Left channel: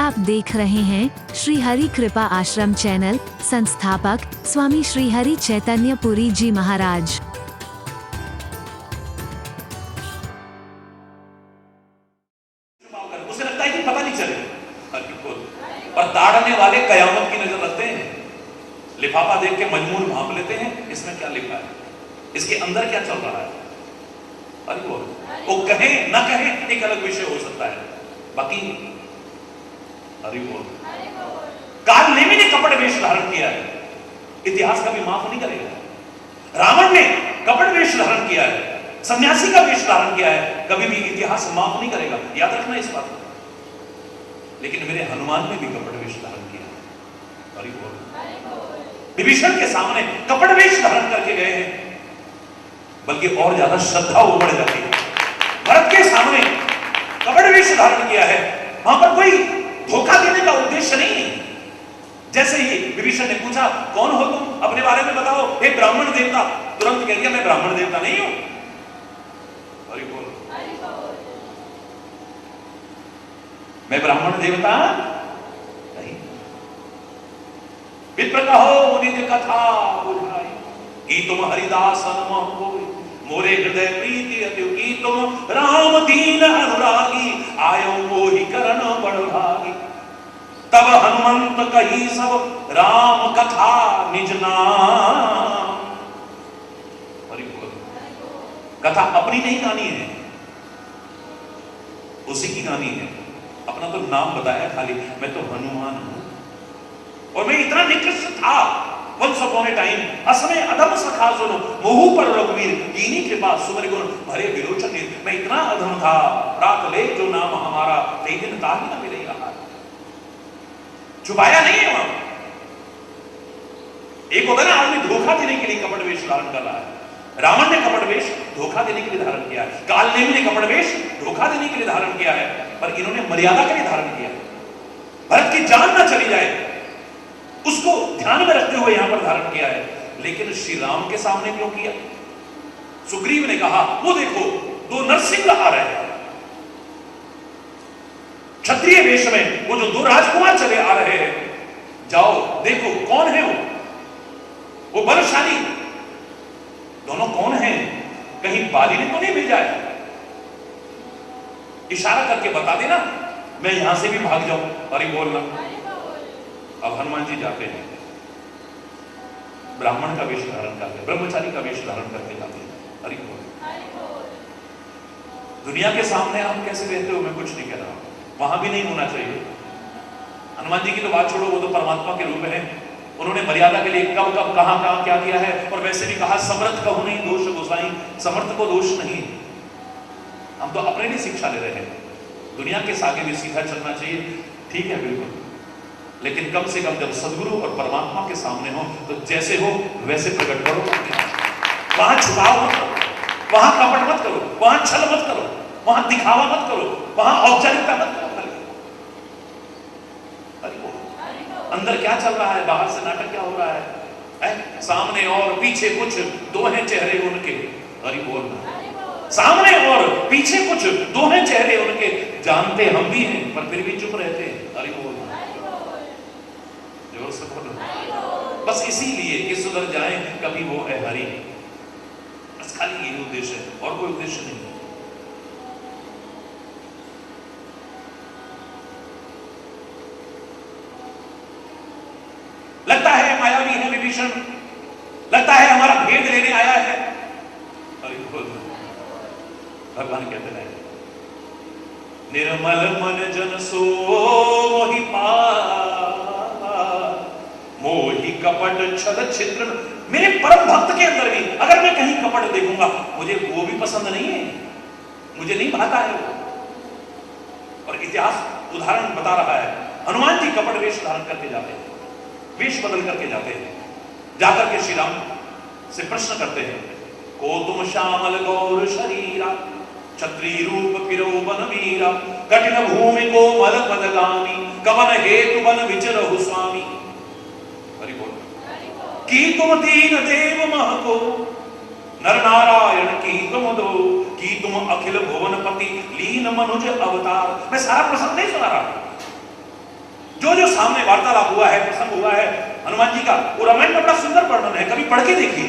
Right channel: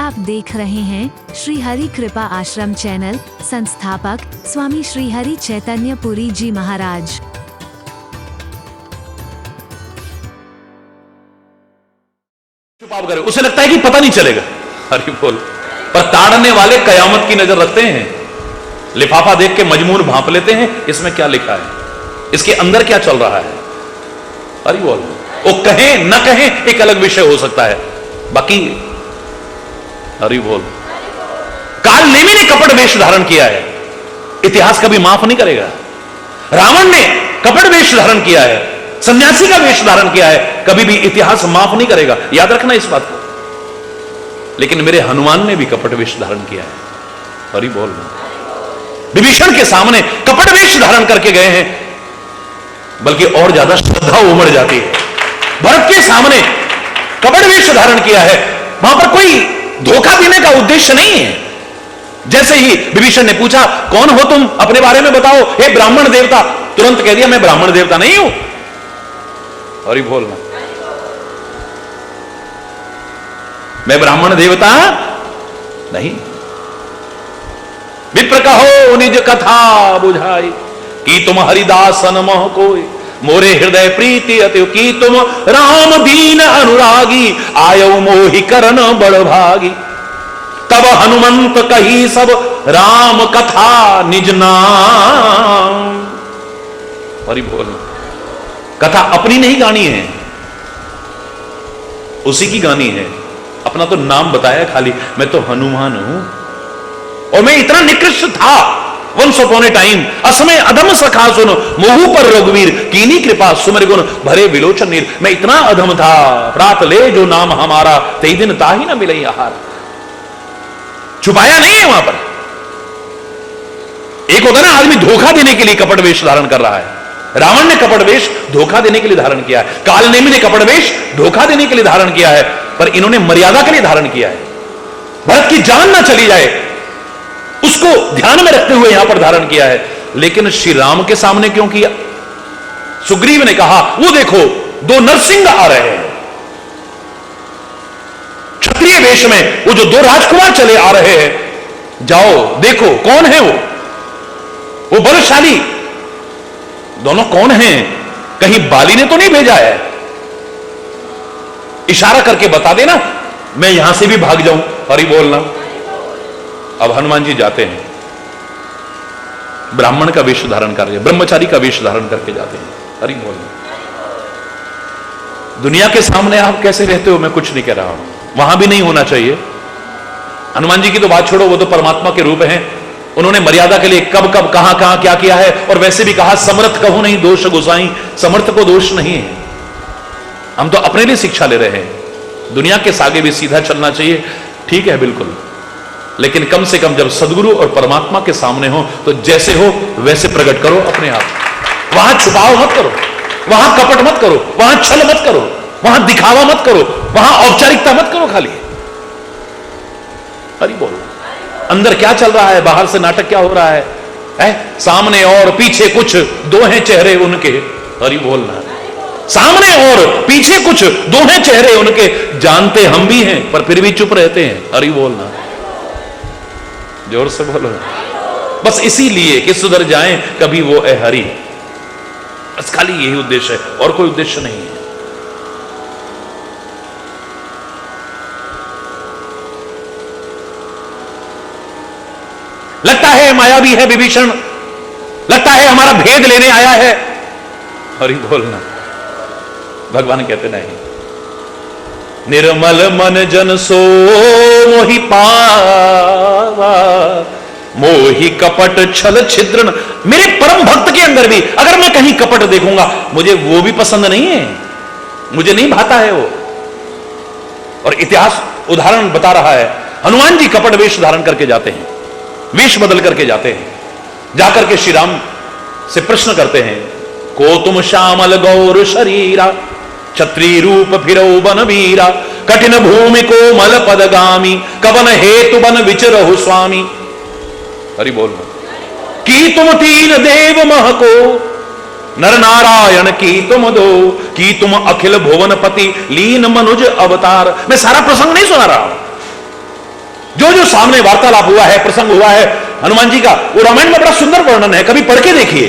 आप देख रहे हैं श्री हरि कृपा आश्रम चैनल। संस्थापक स्वामी श्री हरि चैतन्य पुरी जी महाराज। चुपाव करे, उसे लगता है कि पता नहीं चलेगा। हरि बोल। पर ताड़ने वाले कयामत की नजर रखते हैं, लिफाफा देख के मजमून भांप लेते हैं, इसमें क्या लिखा है, इसके अंदर क्या चल रहा है। हरि बोल। वो कहें न कहें एक अलग विषय हो सकता है, बाकी हरि बोल। काल नेमी ने कपट वेश धारण किया है, इतिहास कभी माफ नहीं करेगा। रावण ने कपट वेश धारण किया है, सन्यासी का वेश धारण किया है, कभी भी इतिहास माफ नहीं करेगा, याद रखना इस बात को। लेकिन मेरे हनुमान ने भी कपट वेश धारण किया है। हरि बोल। विभीषण के सामने कपट वेश धारण करके गए हैं, बल्कि और ज्यादा श्रद्धा उमड़ जाती है। भरत के सामने कपट वेश धारण किया है, वहां पर कोई धोखा देने का उद्देश्य नहीं है। जैसे ही विभीषण ने पूछा कौन हो तुम, अपने बारे में बताओ, हे ब्राह्मण देवता, तुरंत कह दिया मैं ब्राह्मण देवता नहीं हूं। और बोलना मैं ब्राह्मण देवता नहीं। विप्र कहो निज कथा बुझाई, कि तुम हरिदासन मोह कोई, मोरे हृदय प्रीति अति, की तुम राम दीन अनुरागी, आयो मोहि करन बड़ भागी। तब हनुमंत कही सब राम कथा निज नाम। हरि बोल। कथा अपनी नहीं गानी है, उसी की गानी है। अपना तो नाम बताया खाली, मैं तो हनुमान हूं और मैं इतना निकृष्ट था वंश अपॉन ए टाइम, असमय अधम सखा सुनो, मोहू पर रघुवीर, कीनी कृपा सुमर गुण भरे विलोचन नीर। मैं इतना अधम था, प्रात ले जो नाम हमारा, ते दिन ताही न मिले आहार। छुपाया नहीं है वहां पर। एक होता ना आदमी धोखा देने के लिए कपट वेश धारण कर रहा है, रावण ने कपट वेश धोखा देने के लिए धारण किया है, काल नेमी ने कपट वेश धोखा देने के लिए धारण किया है, पर इन्होंने मर्यादा के लिए धारण किया है। भरत की जान ना चली जाए उसको ध्यान में रखते हुए यहां पर धारण किया है। लेकिन श्री राम के सामने क्यों किया? सुग्रीव ने कहा वो देखो दो नरसिंह आ रहे हैं क्षत्रिय वेश में, वो जो दो राजकुमार चले आ रहे हैं, जाओ देखो कौन है वो बलशाली दोनों कौन हैं, कहीं बाली ने तो नहीं भेजा है, इशारा करके बता देना, मैं यहां से भी भाग जाऊं। हरि बोलना। अब हनुमान जी जाते हैं, ब्राह्मण का वेश धारण कर रहे हैं, ब्रह्मचारी का वेश धारण करके जाते हैं। हरि बोलना। दुनिया के सामने आप कैसे रहते हो मैं कुछ नहीं कह रहा हूं, वहां भी नहीं होना चाहिए। हनुमान जी की तो बात छोड़ो, वो तो परमात्मा के रूप हैं, उन्होंने मर्यादा के लिए कब कब कहां कहां क्या किया है। और वैसे भी कहा समर्थ कहो नहीं दोष गोसाई, समर्थ को दोष नहीं है। हम तो अपने लिए शिक्षा ले रहे हैं, दुनिया के सागे भी सीधा चलना चाहिए, ठीक है बिल्कुल, लेकिन कम से कम जब सदगुरु और परमात्मा के सामने हो तो जैसे हो वैसे प्रकट करो अपने आप। वहां छुपाव मत करो, वहां कपट मत करो, वहां छल मत करो, वहां दिखावा मत करो, वहां औपचारिकता मत करो खाली। हरि बोल। अंदर क्या चल रहा है, बाहर से नाटक क्या हो रहा है? सामने और पीछे कुछ दो हैं चेहरे उनके। हरि बोलना। सामने और पीछे कुछ दो हैं चेहरे उनके, जानते हम भी हैं पर फिर भी चुप रहते हैं। हरि बोलना। जोर से बोलो। बस इसीलिए कि सुधर जाएं कभी वो ए हरि, बस खाली यही उद्देश्य है, और कोई उद्देश्य नहीं है। लगता है मायावी है विभीषण, लगता है हमारा भेद लेने आया है। हरि बोलना। भगवान कहते नहीं, निर्मल मन जन सो मोहि पावा, मोहि कपट छल छिद्रन। मेरे परम भक्त के अंदर भी अगर मैं कहीं कपट देखूंगा, मुझे वो भी पसंद नहीं है, मुझे नहीं भाता है वो। और इतिहास उदाहरण बता रहा है, हनुमान जी कपट वेश धारण करके जाते हैं, वेश बदल करके जाते हैं, जाकर के श्री राम से प्रश्न करते हैं, को तुम श्यामल गौर शरीरा, क्षत्रिय रूप फिरो बन वीरा, कठिन भूमि को मल पदगामी, कवन हेतु बन विचरहु स्वामी। हरि बोल। की तुम तीन देव मह को, नर नारायण की तुम दो, की तुम अखिल भुवनपति लीन मनुज अवतार। मैं सारा प्रसंग नहीं सुना रहा हूं, जो जो सामने वार्तालाप हुआ है, प्रसंग हुआ है हनुमान जी का, वो रामायण में बड़ा सुंदर वर्णन है। कभी पढ़ के देखिए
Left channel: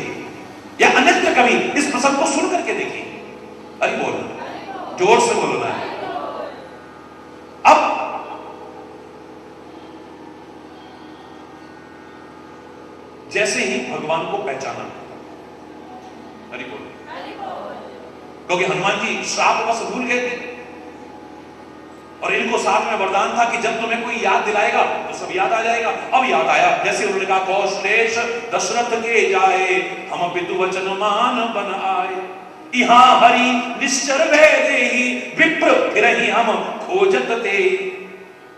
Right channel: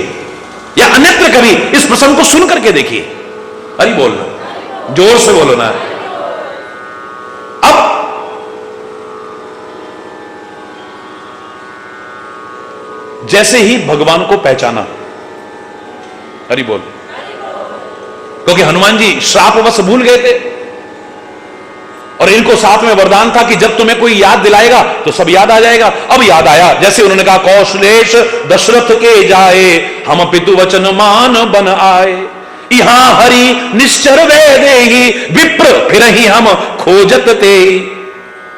या अन्यत्र कभी इस प्रसंग को सुन करके देखिए। हरि बोल, जोर से बोलो ना। अब जैसे ही भगवान को पहचाना, हरि बोल, क्योंकि हनुमान जी श्रापवश भूल गए थे और इनको साथ में वरदान था कि जब तुम्हें कोई याद दिलाएगा तो सब याद आ जाएगा। अब याद आया, जैसे उन्होंने कहा कौशलेश दशरथ के जाए, हम पितु वचन मान बन आए, यहां हरि निश्चर वे देहि, विप्र फिर ही हम खोजत ते।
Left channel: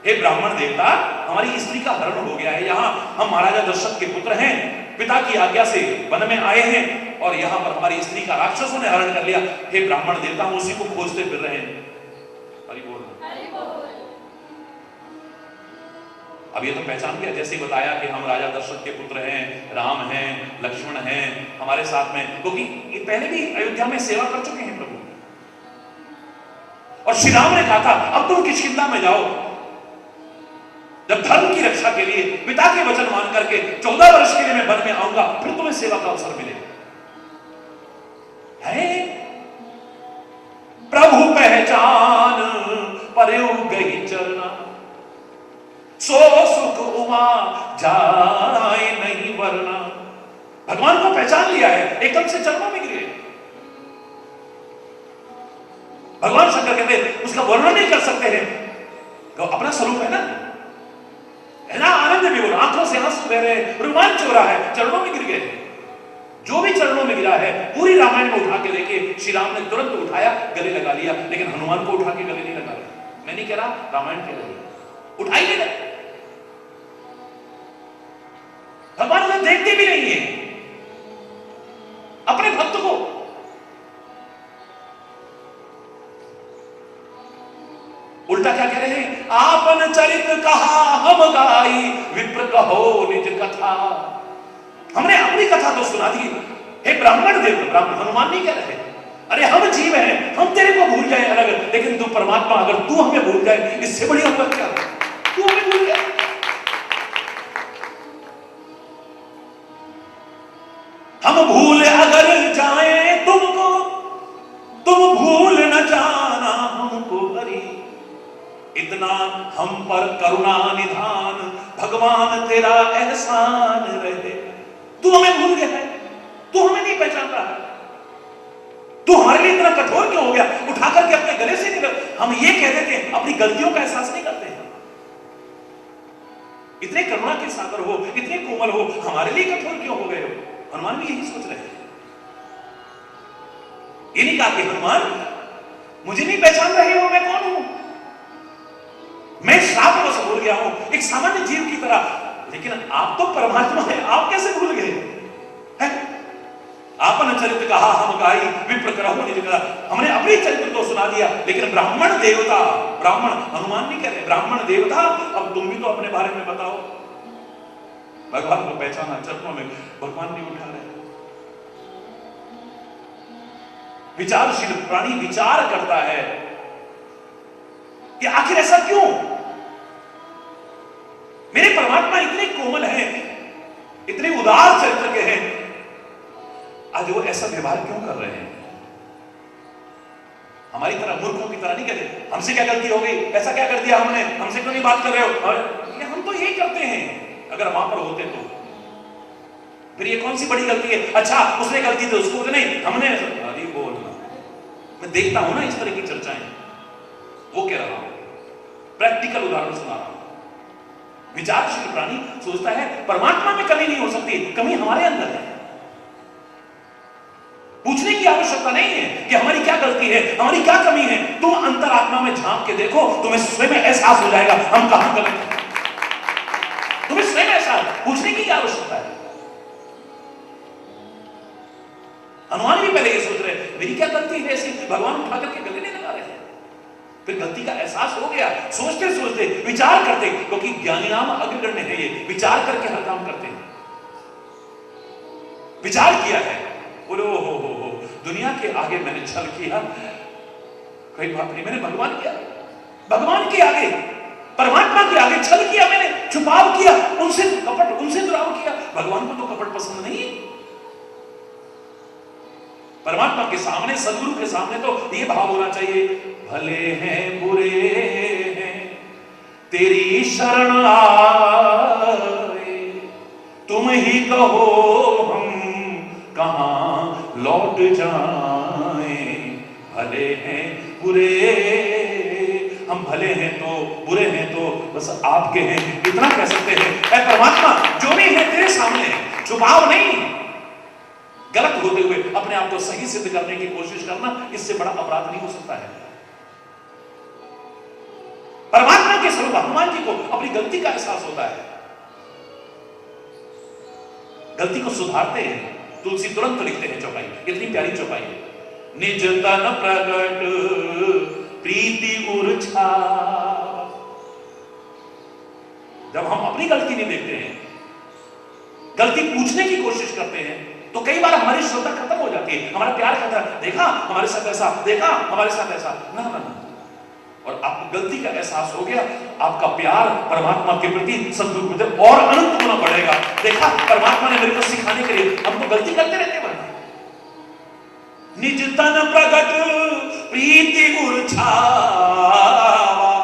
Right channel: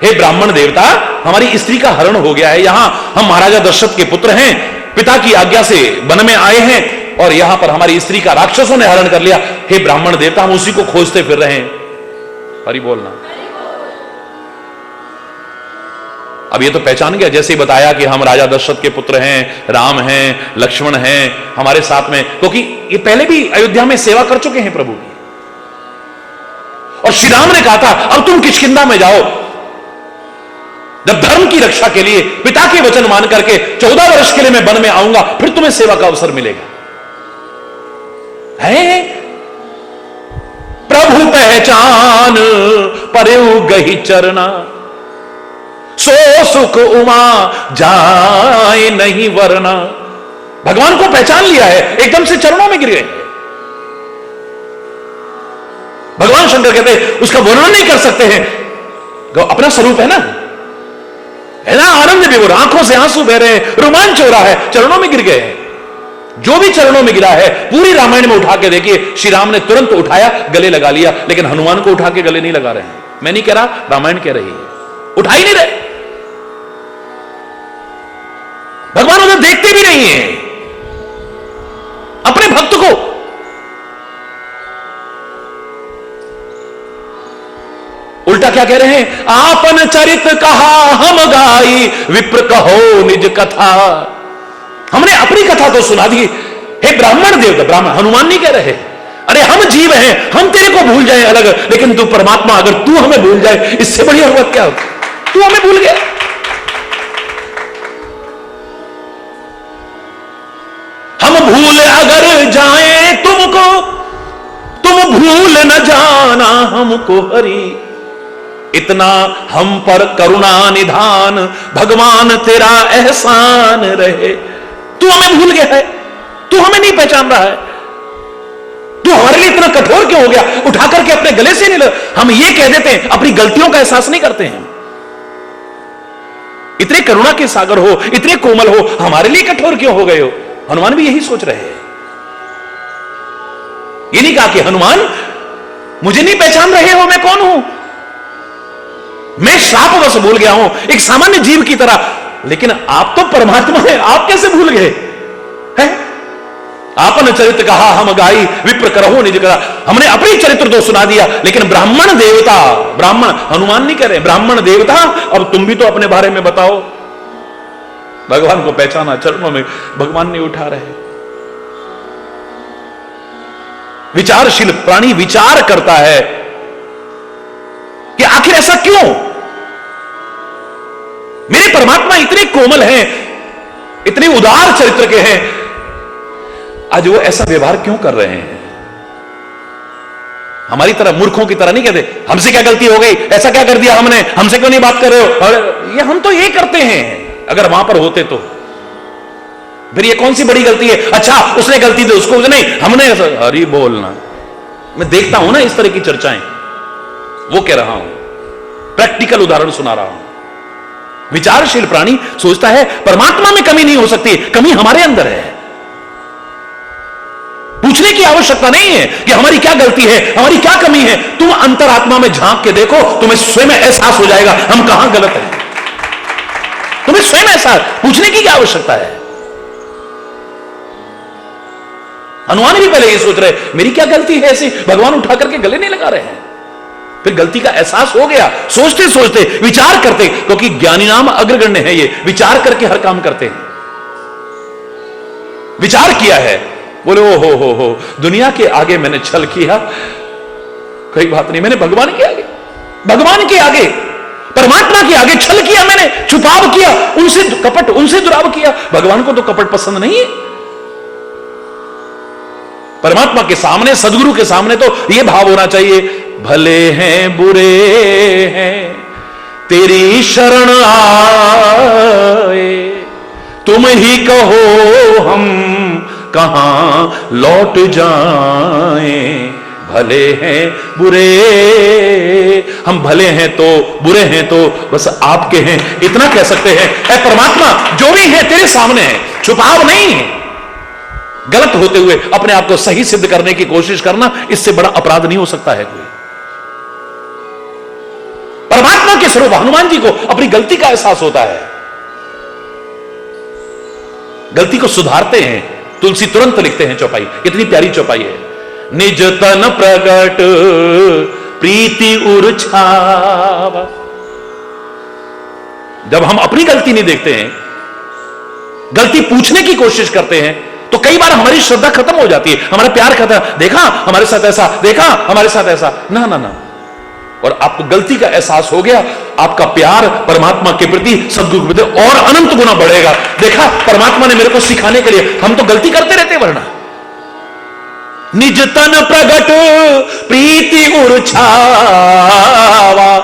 हे ब्राह्मण देवता, हमारी स्त्री का हरण हो गया है, यहां हम महाराजा दशरथ के पुत्र हैं, पिता की आज्ञा से वन में आए हैं और यहां पर हमारी स्त्री का राक्षसों ने हरण कर लिया। हे ब्राह्मण देवता, हम उसी को खोजते फिर रहे हैं। हरि बोलना। अब ये तो पहचान गया, जैसे ही बताया कि हम राजा दशरथ के पुत्र हैं, राम हैं, लक्ष्मण हैं हमारे साथ में, क्योंकि ये पहले भी अयोध्या में सेवा कर चुके हैं प्रभु की। और श्री राम ने कहा था अब तुम किष्किंधा में जाओ, जब धर्म की रक्षा के लिए पिता के वचन मान करके 14 वर्ष के लिए मैं वन में आऊंगा, फिर तुम्हें सेवा का अवसर मिलेगा। है प्रभु पहचान परयु गही चरना, सो सुख उमा जाए नहीं वरना। भगवान को पहचान लिया है, एकदम से चरणों में गिर गए। भगवान शंकर कहते हैं उसका वर्णन नहीं कर सकते हैं, अपना स्वरूप है ना, आनंद विभोर, आंखों से आंसू बह रहे हैं, रोमांच हो रहा है, चरणों में गिर गए हैं। जो भी चरणों में गिरा है पूरी रामायण में उठा के देखिए, श्री राम ने तुरंत उठाया, गले लगा लिया, लेकिन हनुमान को उठा के गले नहीं लगा रहे हैं। मैं नहीं कह रहा, रामायण कह रही है, उठा ही नहीं रहे। भगवान उन्हें देखते भी नहीं है अपने भक्त को। उल्टा क्या कह रहे हैं, आपन चरित कहा हम गाई, विप्र कहो निज कथा। हमने अपनी कथा तो सुना दी। हे ब्राह्मण देवता, ब्राह्मण हनुमान नहीं कह रहे, अरे हम जीव हैं, हम तेरे को भूल जाए अलग, लेकिन तू परमात्मा, अगर तू हमें भूल जाए इससे बड़ी औरत क्या होती। तू हमें भूल गया। हम भूल अगर जाए तुमको, तुम भूल न जाना हमको हरि, इतना हम पर करुणा निधान, भगवान तेरा एहसान रहे। तू हमें भूल गया है, तू हमें नहीं पहचान रहा है, तू हमारे लिए इतना कठोर क्यों हो गया, उठा करके अपने गले से नहीं लग। हम ये कह देते हैं, अपनी गलतियों का एहसास नहीं करते हैं। इतने करुणा के सागर हो, इतने कोमल हो, हमारे लिए कठोर क्यों हो गए हो। हनुमान भी यही सोच रहे हैं। ये नहीं कहा कि हनुमान मुझे नहीं पहचान रहे हो, मैं कौन हूं, मैं श्रापवश भूल गया हूं, एक सामान्य जीव की तरह, लेकिन आप तो परमात्मा हैं, आप कैसे भूल गए हैं। आपन चरित्र कहा हम गाई, विप्र करहो निज कथा। हमने अपनी चरित्र तो सुना दिया, लेकिन ब्राह्मण देवता, ब्राह्मण हनुमान नहीं कह रहे, ब्राह्मण देवता अब तुम भी तो अपने बारे में बताओ। भगवान को पहचाना, चरणों में भगवान ने उठा रहे। विचारशील प्राणी विचार करता है कि आखिर ऐसा क्यों, मेरे परमात्मा इतने कोमल हैं, इतने उदार चरित्र के हैं, आज वो ऐसा व्यवहार क्यों कर रहे हैं। हमारी तरह मूर्खों की तरह नहीं कहते हमसे क्या गलती हो गई, ऐसा क्या कर दिया हमने, हमसे क्यों नहीं बात कर रहे हो। और ये हम तो ये करते हैं, अगर वहां पर होते तो फिर ये कौन सी बड़ी गलती है। अच्छा उसने गलती दी, उसको नहीं, हमने। हरि बोलना। मैं देखता हूं ना इस तरह की चर्चाएं, वो कह रहा हूं, प्रैक्टिकल उदाहरण सुना रहा हूं। विचारशील प्राणी सोचता है परमात्मा में कमी नहीं हो सकती, कमी हमारे अंदर है। पूछने की आवश्यकता नहीं है कि हमारी क्या गलती है, हमारी क्या कमी है। तुम अंतरात्मा में झांक के देखो, तुम्हें स्वयं एहसास हो जाएगा हम कहां गलत हैं। तुम्हें स्वयं एहसास, पूछने की क्या आवश्यकता है। हनुमान भी पहले ये सोच रहे मेरी क्या गलती है ऐसी, भगवान उठा करके गले नहीं लगा रहे हैं। फिर गलती का एहसास हो गया, सोचते सोचते विचार करते, क्योंकि ज्ञानी नाम अग्रगण्य है, ये विचार करके हर काम करते हैं। विचार किया है, बोले ओ हो दुनिया के आगे मैंने छल किया, कोई बात नहीं, मैंने भगवान के आगे, भगवान के आगे परमात्मा के आगे छल किया मैंने, छुपाव किया, उनसे कपट, उनसे दुराव किया। भगवान को तो कपट पसंद नहीं है। परमात्मा के सामने, सदगुरु के सामने तो यह भाव होना चाहिए, भले हैं बुरे हैं तेरी शरण आए, तुम ही कहो हम कहां लौट जाएं। भले हैं बुरे, हम भले हैं तो बुरे हैं तो बस आपके हैं, इतना कह सकते हैं। ऐ परमात्मा, जो भी है तेरे सामने है, छुपाव नहीं है। गलत होते हुए अपने आप को सही सिद्ध करने की कोशिश करना, इससे बड़ा अपराध नहीं हो सकता है कोई। परमात्मा के स्वरूप हनुमान जी को अपनी गलती का एहसास होता है, गलती को सुधारते हैं। तुलसी तुरंत लिखते हैं चौपाई, कितनी प्यारी चौपाई है। निज तन प्रगट प्रीति उर्छावा। जब हम अपनी गलती नहीं देखते हैं, गलती पूछने की कोशिश करते हैं, तो कई बार हमारी श्रद्धा खत्म हो जाती है, हमारा प्यार खत्म। देखा हमारे साथ ऐसा, देखा हमारे साथ ऐसा, ना ना ना। और आपको गलती का एहसास हो गया, आपका प्यार परमात्मा के प्रति, सद्गुरु के प्रति और अनंत गुना बढ़ेगा। देखा परमात्मा ने मेरे को सिखाने के लिए, हम तो गलती करते रहते वरना। निज तन प्रगट प्रीति उर्छावा,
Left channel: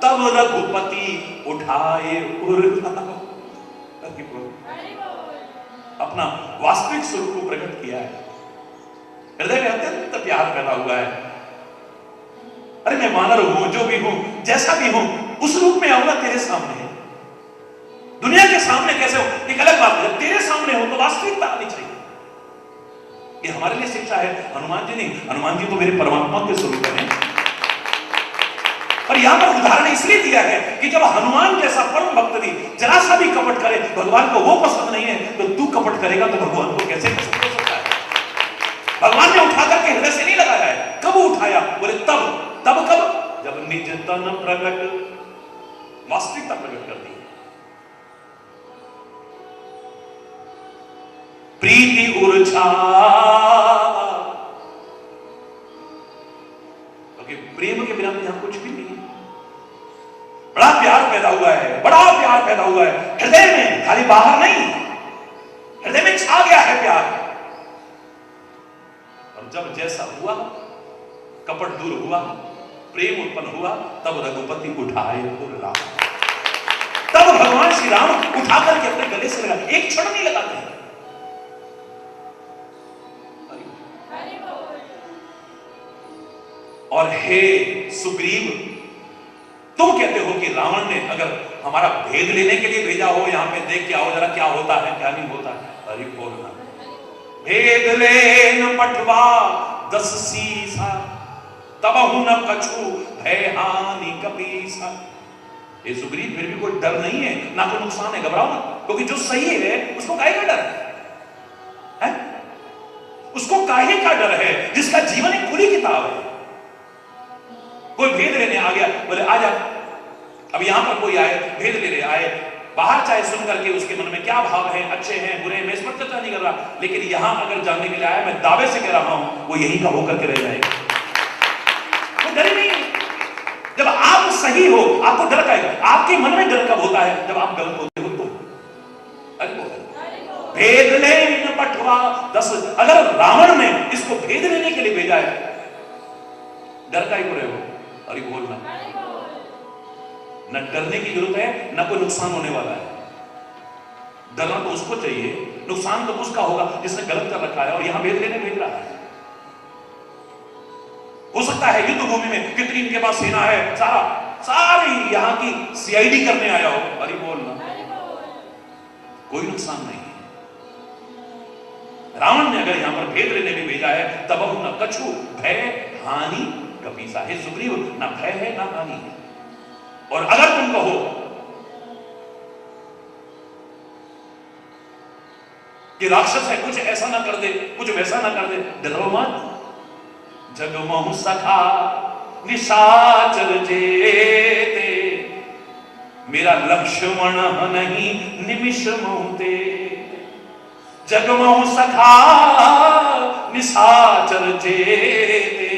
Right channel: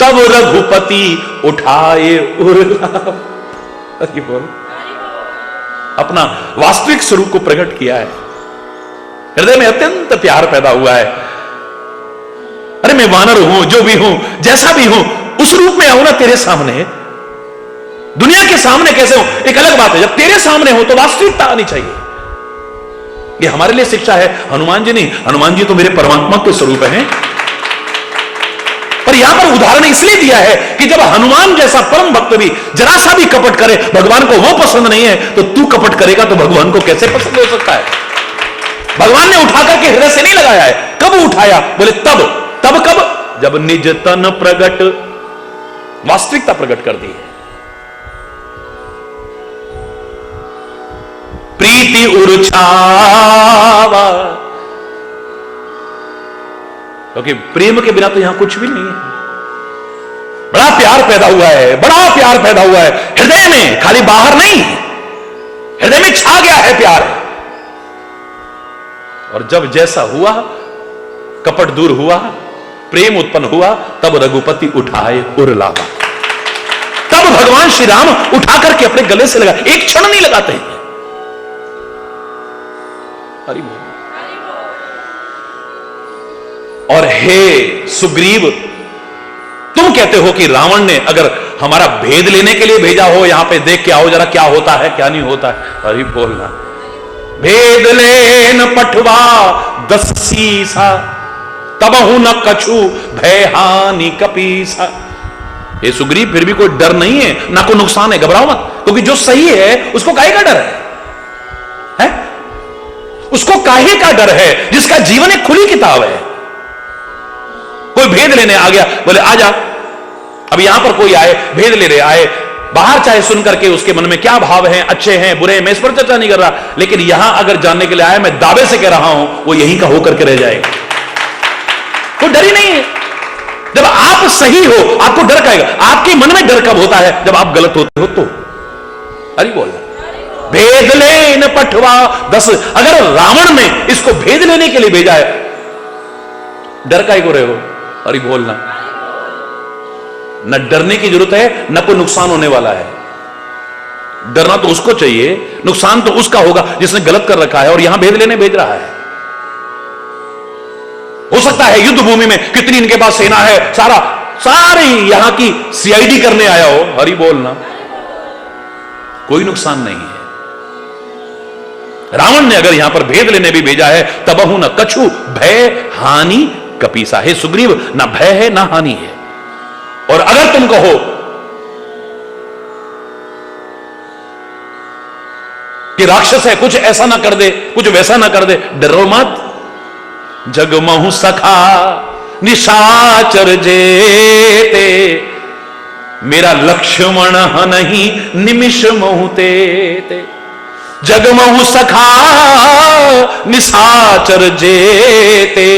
तब रघुपति उठाए उर्लावा। बोल, अपना वास्तविक स्वरूप को प्रकट किया है, हृदय में अत्यंत प्यार पैदा हुआ है। अरे मैं वानर हूं, जो भी हूं, जैसा भी हूं, उस रूप में आऊं ना तेरे सामने। दुनिया के सामने कैसे हो एक अलग बात है, जब तेरे सामने हो तो वास्तविकता आनी चाहिए। ये हमारे लिए शिक्षा है, हनुमान जी नहीं। हनुमान जी तो मेरे परमात्मा के स्वरूप हैं। पर यहां पर उदाहरण इसलिए दिया है कि जब हनुमान जैसा परम भक्त भी जरा सा भी कपट करे, भगवान को वो पसंद नहीं है, तो तू कपट करेगा तो भगवान को कैसे पसंद हो सकता है। भगवान ने उठा करके हृदय से नहीं लगाया है। कब उठाया? बोले तब कब? जब निज तन प्रगट, वास्तविकता प्रकट कर दी है। प्रीति उर्छावा, क्योंकि प्रेम के बिना तो यहां कुछ भी नहीं है। बड़ा प्यार पैदा हुआ है, बड़ा प्यार पैदा हुआ है हृदय में, खाली बाहर नहीं, हृदय में छा गया है प्यार। और जब जैसा हुआ, कपट दूर हुआ, प्रेम उत्पन्न हुआ, तब रघुपति उठाए उर्लावा। तब भगवान श्री राम उठा करके अपने गले से लगा, एक क्षण नहीं लगाते हैं। हरि बोल। और हे सुग्रीव, तुम कहते हो कि रावण ने अगर हमारा भेद लेने के लिए भेजा हो, यहां पे देख के आओ जरा क्या होता है क्या नहीं होता है। हरि बोलना, भेद लेन पठवा 10 सीसा, तबहु न कछु भय हानि कपीसा। ये सुग्रीव, फिर भी कोई डर नहीं है, ना कोई नुकसान है, घबराओ मत, क्योंकि जो सही है उसको काहे का डर है? उसको काहे का डर है जिसका जीवन एक खुली किताब है। कोई भेद लेने आ गया, बोले आजा। अब यहां पर कोई आए, भेद ले रहे आए, बाहर चाहे सुन करके उसके मन में क्या भाव है, अच्छे हैं बुरे हैं, मैं इस पर चर्चा नहीं कर रहा, लेकिन यहां अगर जानने के लिए आया, मैं दावे से कह रहा हूं वो यहीं का होकर के रह जाएगा। कोई डर ही नहीं है। जब आप सही हो आपको डर काएगा। आपके मन में डर कब होता है? जब आप गलत होते हो तो। अरे बोल, भेद लेन पठवा 10। अगर रावण ने इसको भेद लेने के लिए भेजा है, डर काहे को रहे हो? अरे बोलना, न डरने की जरूरत है, न कोई नुकसान होने वाला है। डरना तो उसको चाहिए, नुकसान तो उसका होगा जिसने गलत कर रखा है और यहां भेद लेने भेज रहा है। हो सकता है युद्ध भूमि में कितनी इनके पास सेना है, सारी यहां की सीआईडी करने आया हो। हरि बोलना, कोई नुकसान नहीं है। रावण ने अगर यहां पर भेद लेने भी भेजा है, तबहु न कछु भय हानि कपीसा। हे सुग्रीव, ना भय है ना हानि है। और अगर तुम कहो कि राक्षस है, कुछ ऐसा ना कर दे, कुछ वैसा ना कर दे, डरो मत। जगमहु सखा निशाचर जेते, मेरा लक्ष्मण नहीं निमिष महुते। जगमहु सखा निशाचर जेते,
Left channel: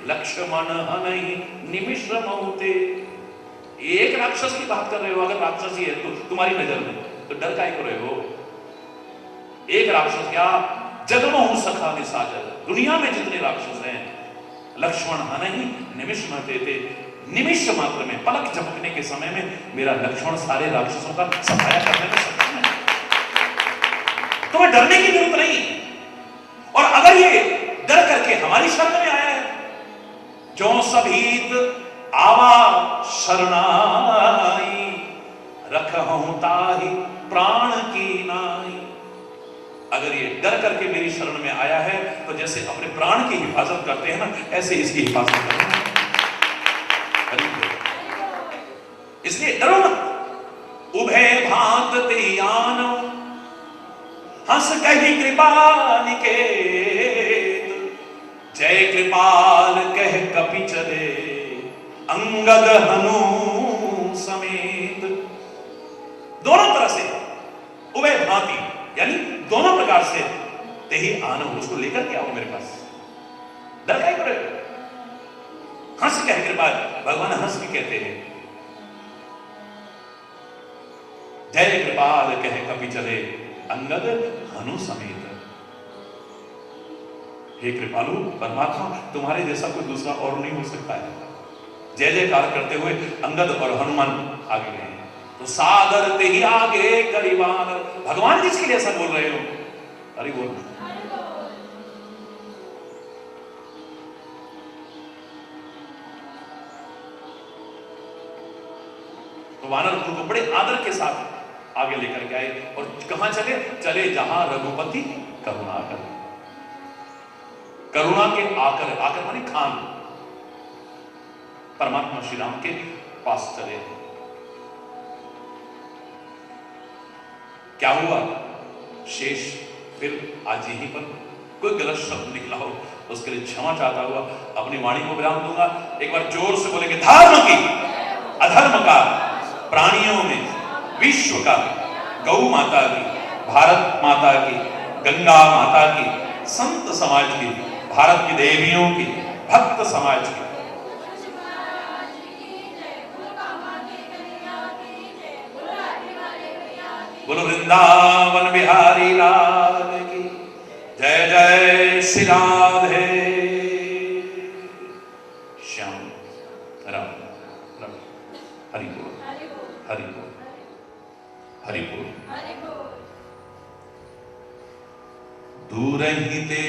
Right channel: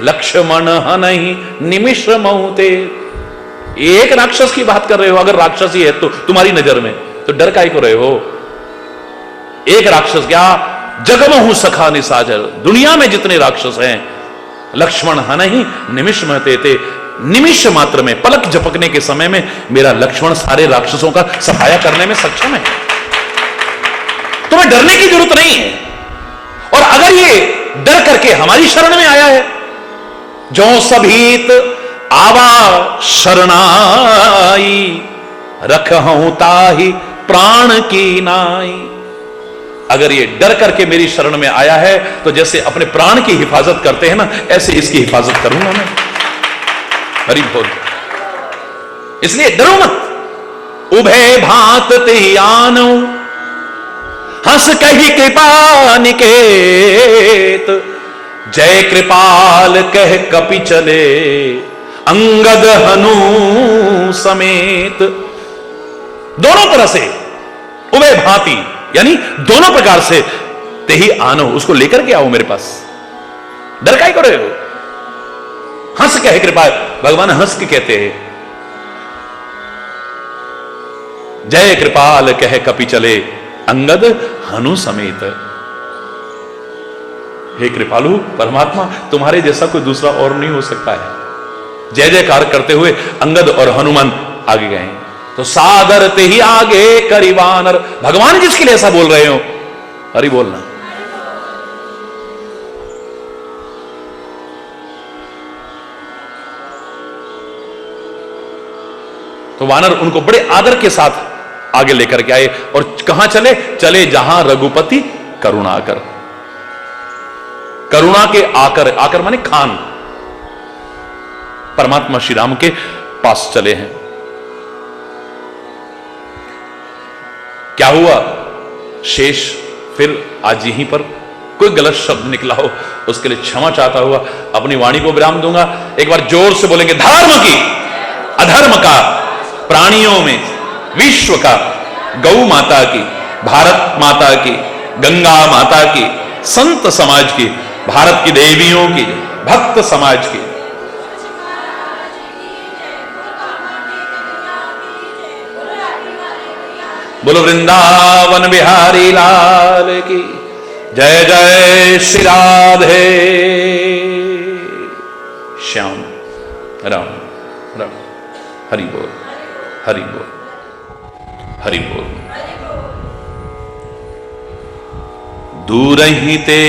लक्ष्मण नहीं निमिष महुते। एक राक्षस की बात कर रहे हो, अगर राक्षस ही है तो तुम्हारी नजर में, तो डर काहे को रहे हो? एक राक्षस क्या, जगमहु सखा निसाजर, दुनिया में जितने राक्षस हैं, लक्ष्मण हनहि निमिष महते थे, निमिष मात्र में, पलक झपकने के समय में मेरा लक्ष्मण सारे राक्षसों का सफाया करने में सक्षम है। तुम्हें डरने की जरूरत नहीं है। और अगर ये डर करके हमारी शरण में आया है, जो सभीत आवा शरणाई, रखहूं ताहि प्राण की नाई। अगर ये डर करके मेरी शरण में आया है, तो जैसे अपने प्राण की हिफाजत करते हैं ना, ऐसे इसकी हिफाजत करूंगा मैं। हरि बोल। इसलिए डरो मत। उभय भांत ते आनो, हंस कही कृपा निकेत, जय कृपाल कह कपि चले, अंगद हनु समेत। दोनों तरह से उभय भांति, यानी दोनों प्रकार से, ते ही आनो, उसको लेकर के आओ मेरे पास। डर काहे को रहे हो? हंस कहे कृपा, भगवान हंस के कहते हैं, जय कृपाल कह कपि चले, अंगद हनु समेत। हे कृपालु परमात्मा, तुम्हारे जैसा कोई दूसरा और नहीं हो सकता है। जय जयकार करते हुए अंगद और हनुमान आगे गए। तो सादर ते ही आगे करीवानर, भगवान जिसके लिए ऐसा बोल रहे हो, हरि बोलना। तो वानर उनको बड़े आदर के साथ आगे लेकर के आए। और कहां चले? चले जहां रघुपति करुणाकर, करुणा के आकर, आकर माने खान, परमात्मा श्री राम के पास चले हैं। क्या हुआ? शेष फिर आज यहीं पर कोई गलत शब्द निकला हो, उसके लिए क्षमा चाहता हुआ अपनी वाणी को विराम दूंगा। एक बार जोर से बोलेंगे, धर्म की, अधर्म का, प्राणियों में, विश्व का, गौ माता की, भारत माता की, गंगा माता की, संत समाज की, भारत की देवियों की, भक्त समाज की। बोलो वृंदावन बिहारी लाल की जय। जय श्री राधे श्याम राम राम। हरि बोल, हरि बोल, हरि बोल। दूर ही ते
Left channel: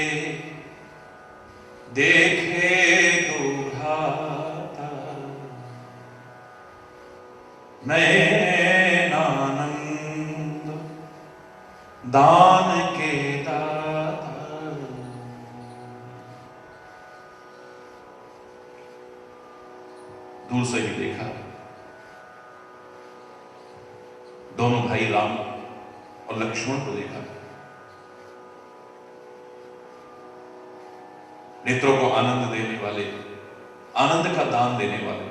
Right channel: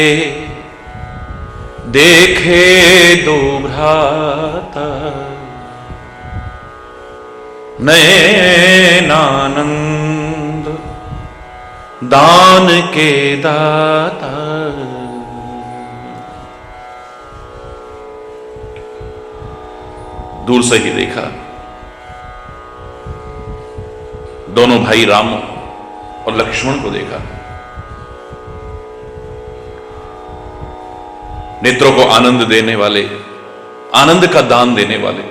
देखे दो भ्राता, नयनानंद दान के दाता। दूर से ही देखा दोनों भाई राम और लक्ष्मण को देखा, नेत्रों को आनंद देने वाले, आनंद का दान देने वाले।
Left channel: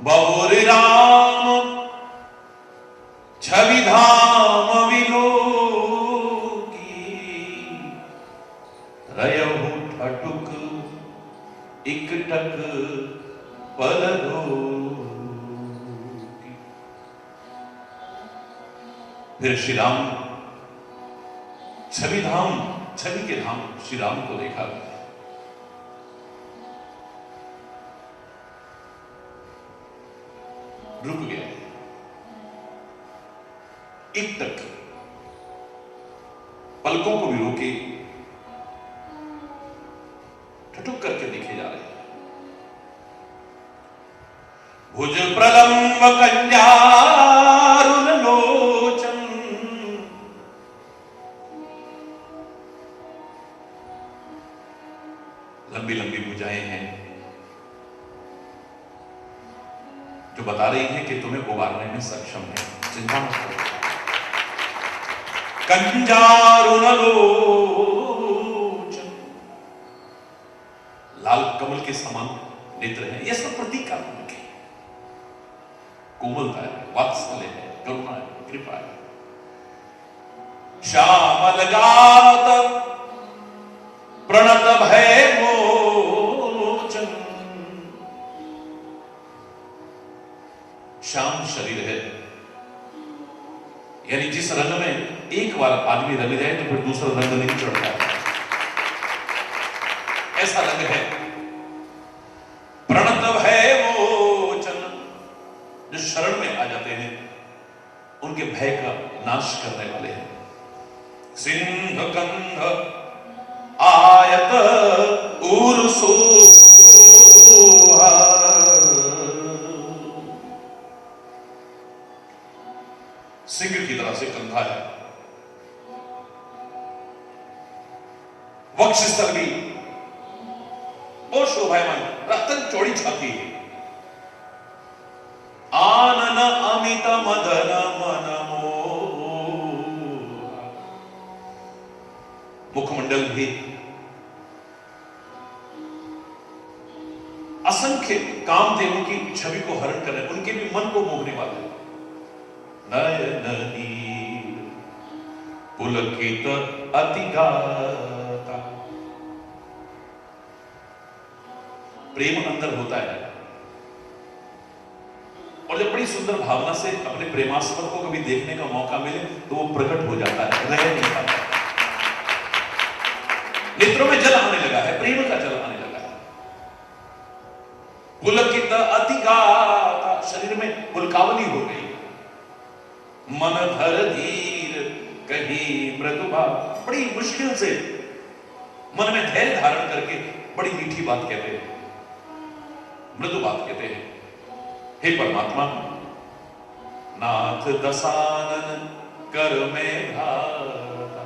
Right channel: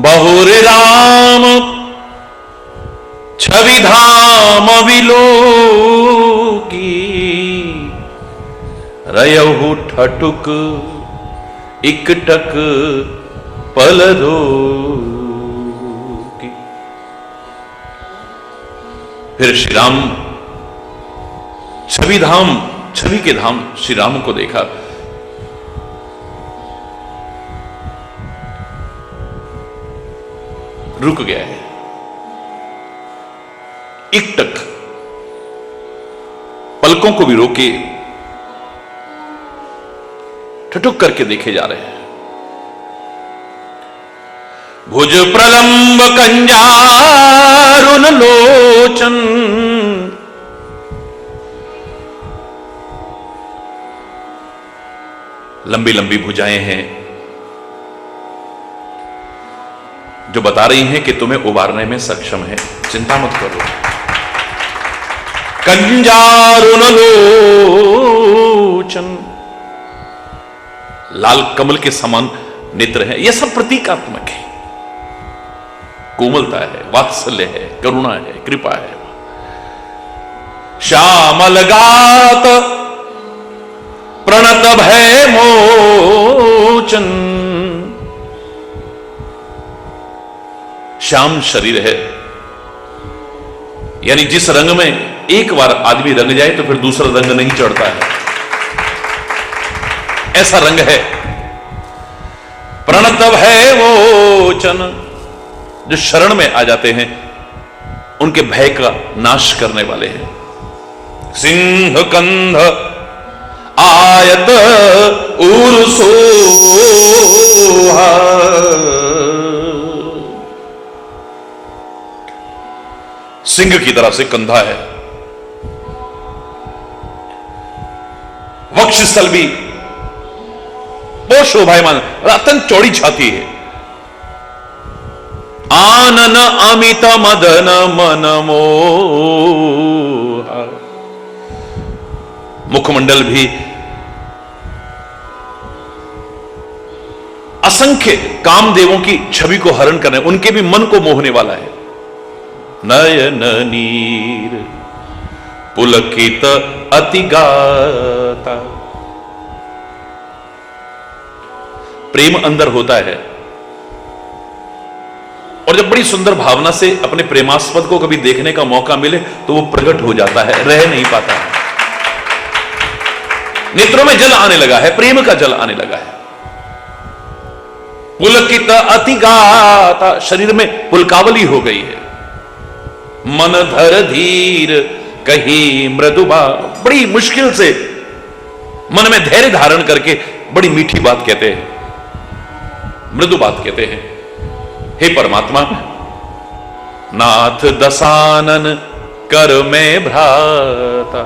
बहुर राम छवि धाम विलोकी, रयहु ठटुक इकटक पल रोकी। फिर श्री राम छवि धाम, छवि के धाम श्री राम को देखा। रुक गया है, इकटक, पलकों को भी रोके ठटुक करके देखे जा रहे हैं। भुज प्रलंब कंजारुन लोचन, लंबी लंबी भुजाएं हैं जो बता रही हैं कि तुम्हें उबारने में सक्षम है, चिंता मत करो। कंजारुन लोचन, लाल कमल के समान नेत्र है। यह सब प्रतीकात्मक है, कोमलता है, वात्सल्य है, करुणा है, कृपा है। श्यामल गात प्रणत भय मोर, श्याम शरीर है, यानी जिस रंग में एक बार आदमी रंग जाए तो फिर दूसरा रंग नहीं चढ़ता है, ऐसा रंग है। प्रणतव है वो चन, जो शरण में आ जाते हैं उनके भय का नाश करने वाले हैं। सिंह कंध आयत उर्सोहा, सिंह की तरह से कंधा है, वक्षस्थल भी बहुत शोभायमान और अत्यंत चौड़ी छाती है। आनन अमित मदन मन मोह, मुखमंडल भी असंख्य कामदेवों की छवि को हरण करने, उनके भी मन को मोहने वाला है। नयन नीर पुलकित अतिगाता, प्रेम अंदर होता है और जब बड़ी सुंदर भावना से अपने प्रेमास्पद को कभी देखने का मौका मिले तो वो प्रकट हो जाता है, रह नहीं पाता है। नेत्रों में जल आने लगा है, प्रेम का जल आने लगा है। पुलकित अतिगाता, शरीर में पुलकावली हो गई है। मन धर धीर कही मृदुबा, बड़ी मुश्किल से मन में धैर्य धारण करके बड़ी मीठी बात कहते हैं, मृदु बात कहते हैं। हे परमात्मा, नाथ दसानन कर में भ्राता,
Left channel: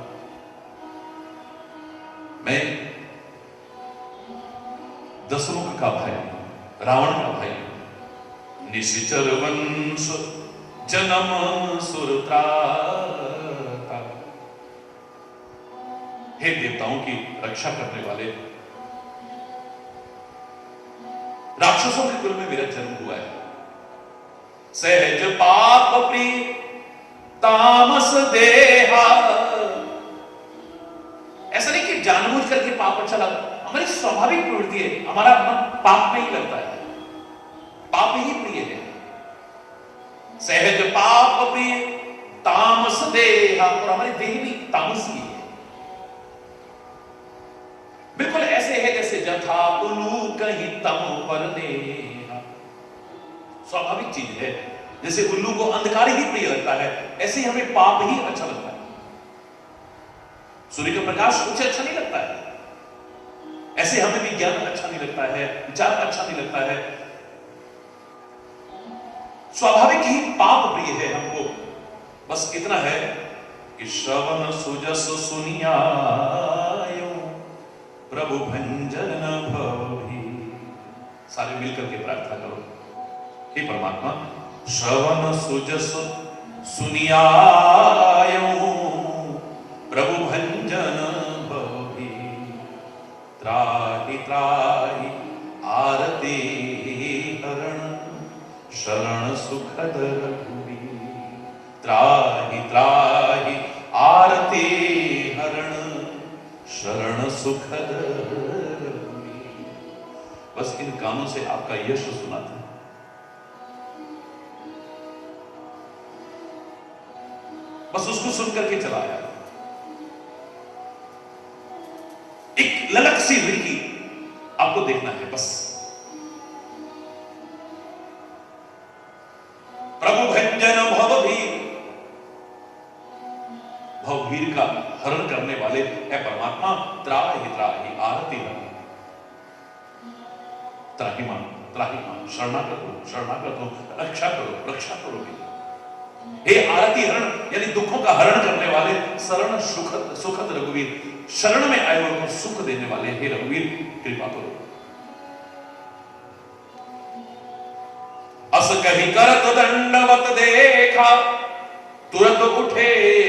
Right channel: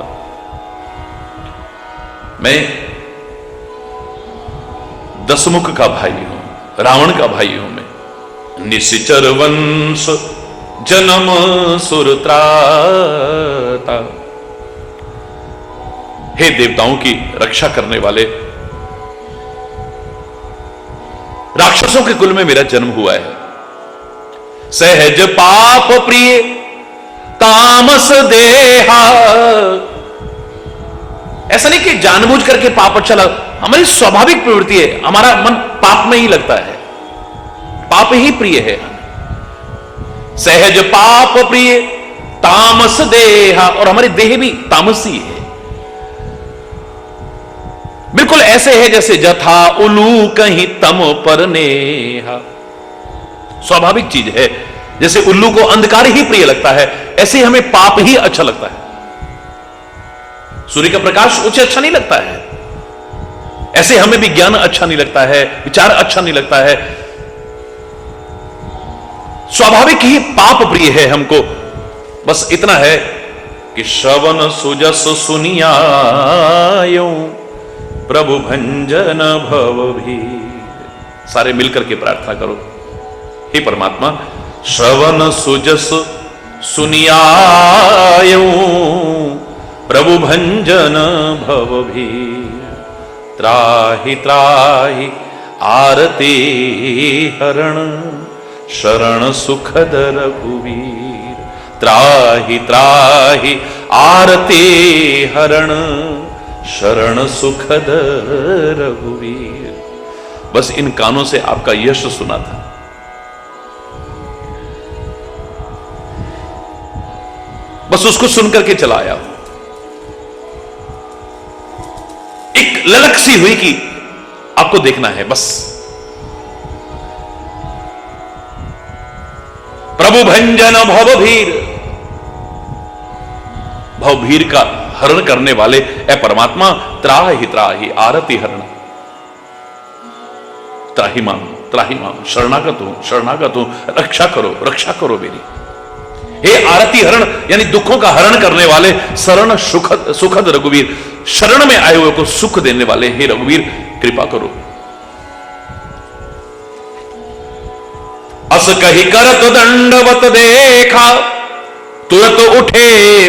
मैं दसमुख का भाई हूं, रावण का भाई हूं मैं। निशिचर वंश जन्म सुरत्राता, हे देवताओं की रक्षा करने वाले, राक्षसों के कुल में मेरा जन्म हुआ है। सहज पाप प्रिय तामस देहा, ऐसा नहीं कि जानबूझ करके पाप अच्छा लगा, हमारी स्वाभाविक प्रवृत्ति है, हमारा मन पाप में ही लगता है, पाप ही प्रिय है। सहज पाप प्रिय तामस देहा, और हमारी देह भी तामसी है, बिल्कुल ऐसे है जैसे जथा उलू कहीं तम पर नेहा। स्वाभाविक चीज है, जैसे उल्लू को अंधकार ही प्रिय लगता है, ऐसे हमें पाप ही अच्छा लगता है। सूर्य का प्रकाश उसे अच्छा नहीं लगता है, ऐसे हमें भी ज्ञान अच्छा नहीं लगता है, विचार अच्छा नहीं लगता है। स्वाभाविक ही पाप प्रिय है हमको। बस इतना है कि श्रवण सुजस सुनियायो प्रभु भंजन भव भी। सारे मिलकर के प्रार्थना करो, हे परमात्मा, श्रवण सुजस सुनियायो प्रभु भंजन भव भी। त्राहि त्राहि आरती हरण शरण सुखद रघुवीर। त्राहि त्राहि आरती हरण शरण सुखद रघुवीर। बस इन कानों से आपका यश सुना था, बस उसको सुनकर के चला आया। एक ललक सी हुई कि आपको देखना है बस। प्रभु भंजन भवभीर, भवभीर का हरण करने वाले ए परमात्मा, त्राहि त्राहि आरती हरण। त्राहि माम शरणागत हूं, रक्षा करो मेरी। हे आरती हरण यानी दुखों का हरण करने वाले, शरण सुखद रघुवीर, शरण में आए हुए को सुख देने वाले हे रघुवीर, कृपा करो। अस कही करत दंडवत देखा, तुरंत उठे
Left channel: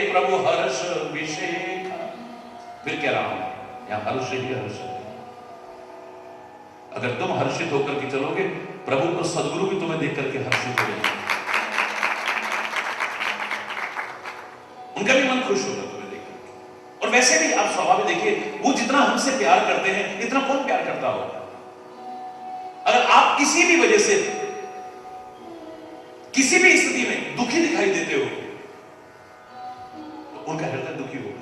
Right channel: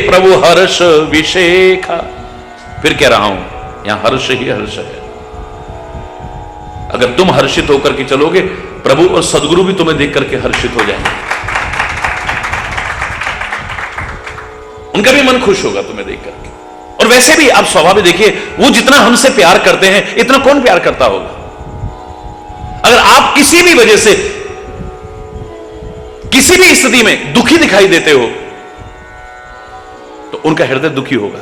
प्रभु हर्ष विशेखा। फिर कह रहा हूं, यहां हर्ष ही हर्ष है। अगर तुम हर्षित होकर के चलोगे, प्रभु और सदगुरु भी तुम्हें देख करके हर्षित हो जाएंगे, उनका भी मन खुश होगा तुम्हें देख करके। और वैसे भी आप स्वभाव देखिए, वो जितना हमसे प्यार करते हैं, इतना कौन प्यार करता होगा। अगर आप किसी भी वजह से किसी भी स्थिति में दुखी दिखाई देते हो तो उनका हृदय दुखी होगा,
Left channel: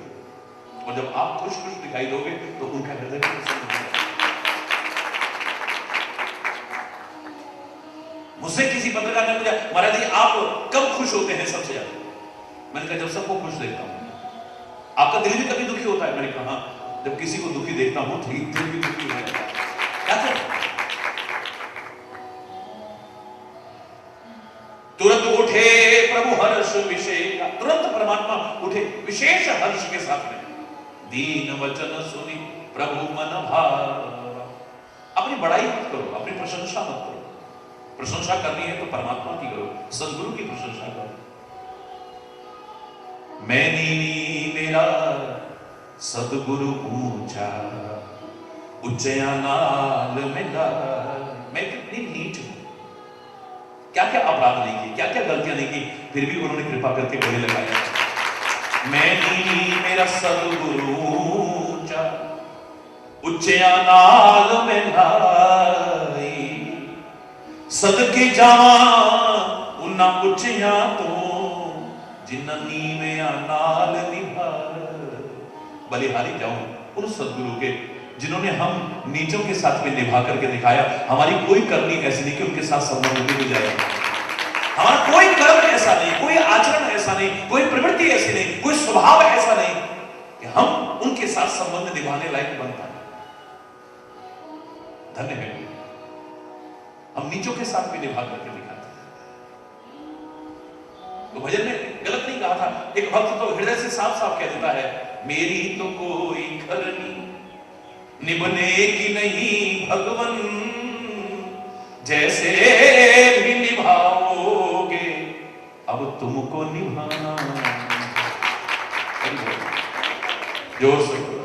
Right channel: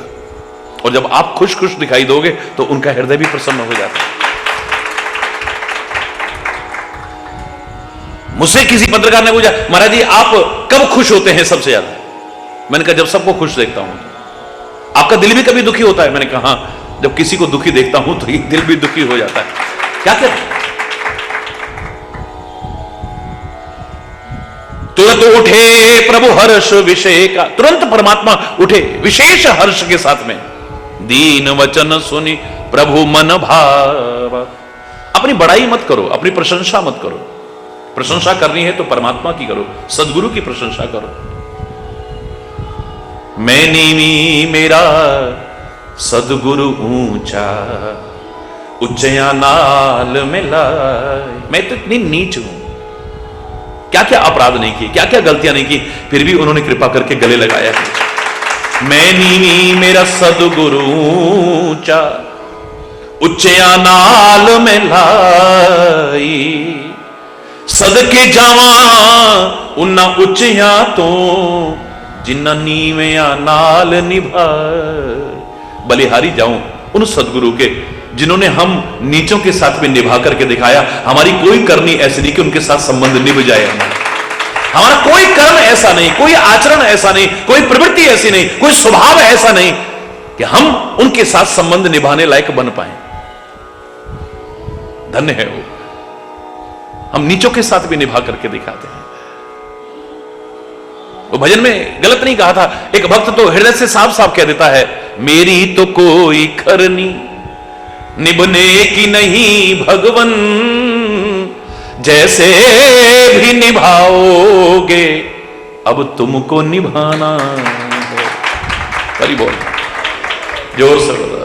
और जब आप खुश खुश दिखाई दोगे तो उनका हृदय भी प्रसन्न हो जाता है। मुझसे किसी पत्रकार ने पूछा, महाराज जी आप कब खुश होते हैं सबसे ज्यादा? मैंने कहा जब सबको खुश देखता हूं। आपका दिल भी कभी दुखी होता है? मैंने कहा हां, जब किसी को दुखी देखता हूं तो ये दिल भी दुखी हो जाता है। क्या करें? तुरंत उठे प्रभु हर्ष विषय का, तुरंत परमात्मा उठे विशेष हर्ष के साथ में। दीन वचन सुनी प्रभु मन भाव। अपनी बड़ाई मत करो, अपनी प्रशंसा मत करो। प्रशंसा करनी है तो परमात्मा की करो, सदगुरु की प्रशंसा करो। मैं नीवी मेरा सदगुरु ऊंचा, उच्चया नाल मिला। मैं तो इतनी नीच हूं, क्या क्या अपराध नहीं किए, क्या क्या गलतियां नहीं की, फिर भी उन्होंने कृपा करके गले लगाया है। मैं नीवी मेरा सदगुरु ऊंचा, उच्चया नाल मिलाई। सदके जावा उन्ना उच्चया तो, जिन्ना नीविया नाल निभा। बलिहारी जाऊं उन सदगुरु के जिन्होंने हम नीचों के साथ भी निभा करके दिखाया। हमारी कोई करनी ऐसी नहीं कि उनके साथ संबंध निभ जाए। हमारा कोई कर्म ऐसा नहीं, कोई आचरण ऐसा नहीं, कोई प्रवृत्ति ऐसी नहीं, कोई स्वभाव ऐसा नहीं कि हम उनके साथ संबंध निभाने लायक बन पाए। धन्य है वो, हम नीचों के साथ भी निभा करके दिखाते हैं। वो भजन में गलत नहीं कहा था। एक भक्त तो हृदय से साफ साफ कह देता है, मेरी तो कोई खरनी निभने की नहीं भगवन, जैसे भी निभाओगे अब तुमको निभाना है। हरि बोल, जोर से बोलो।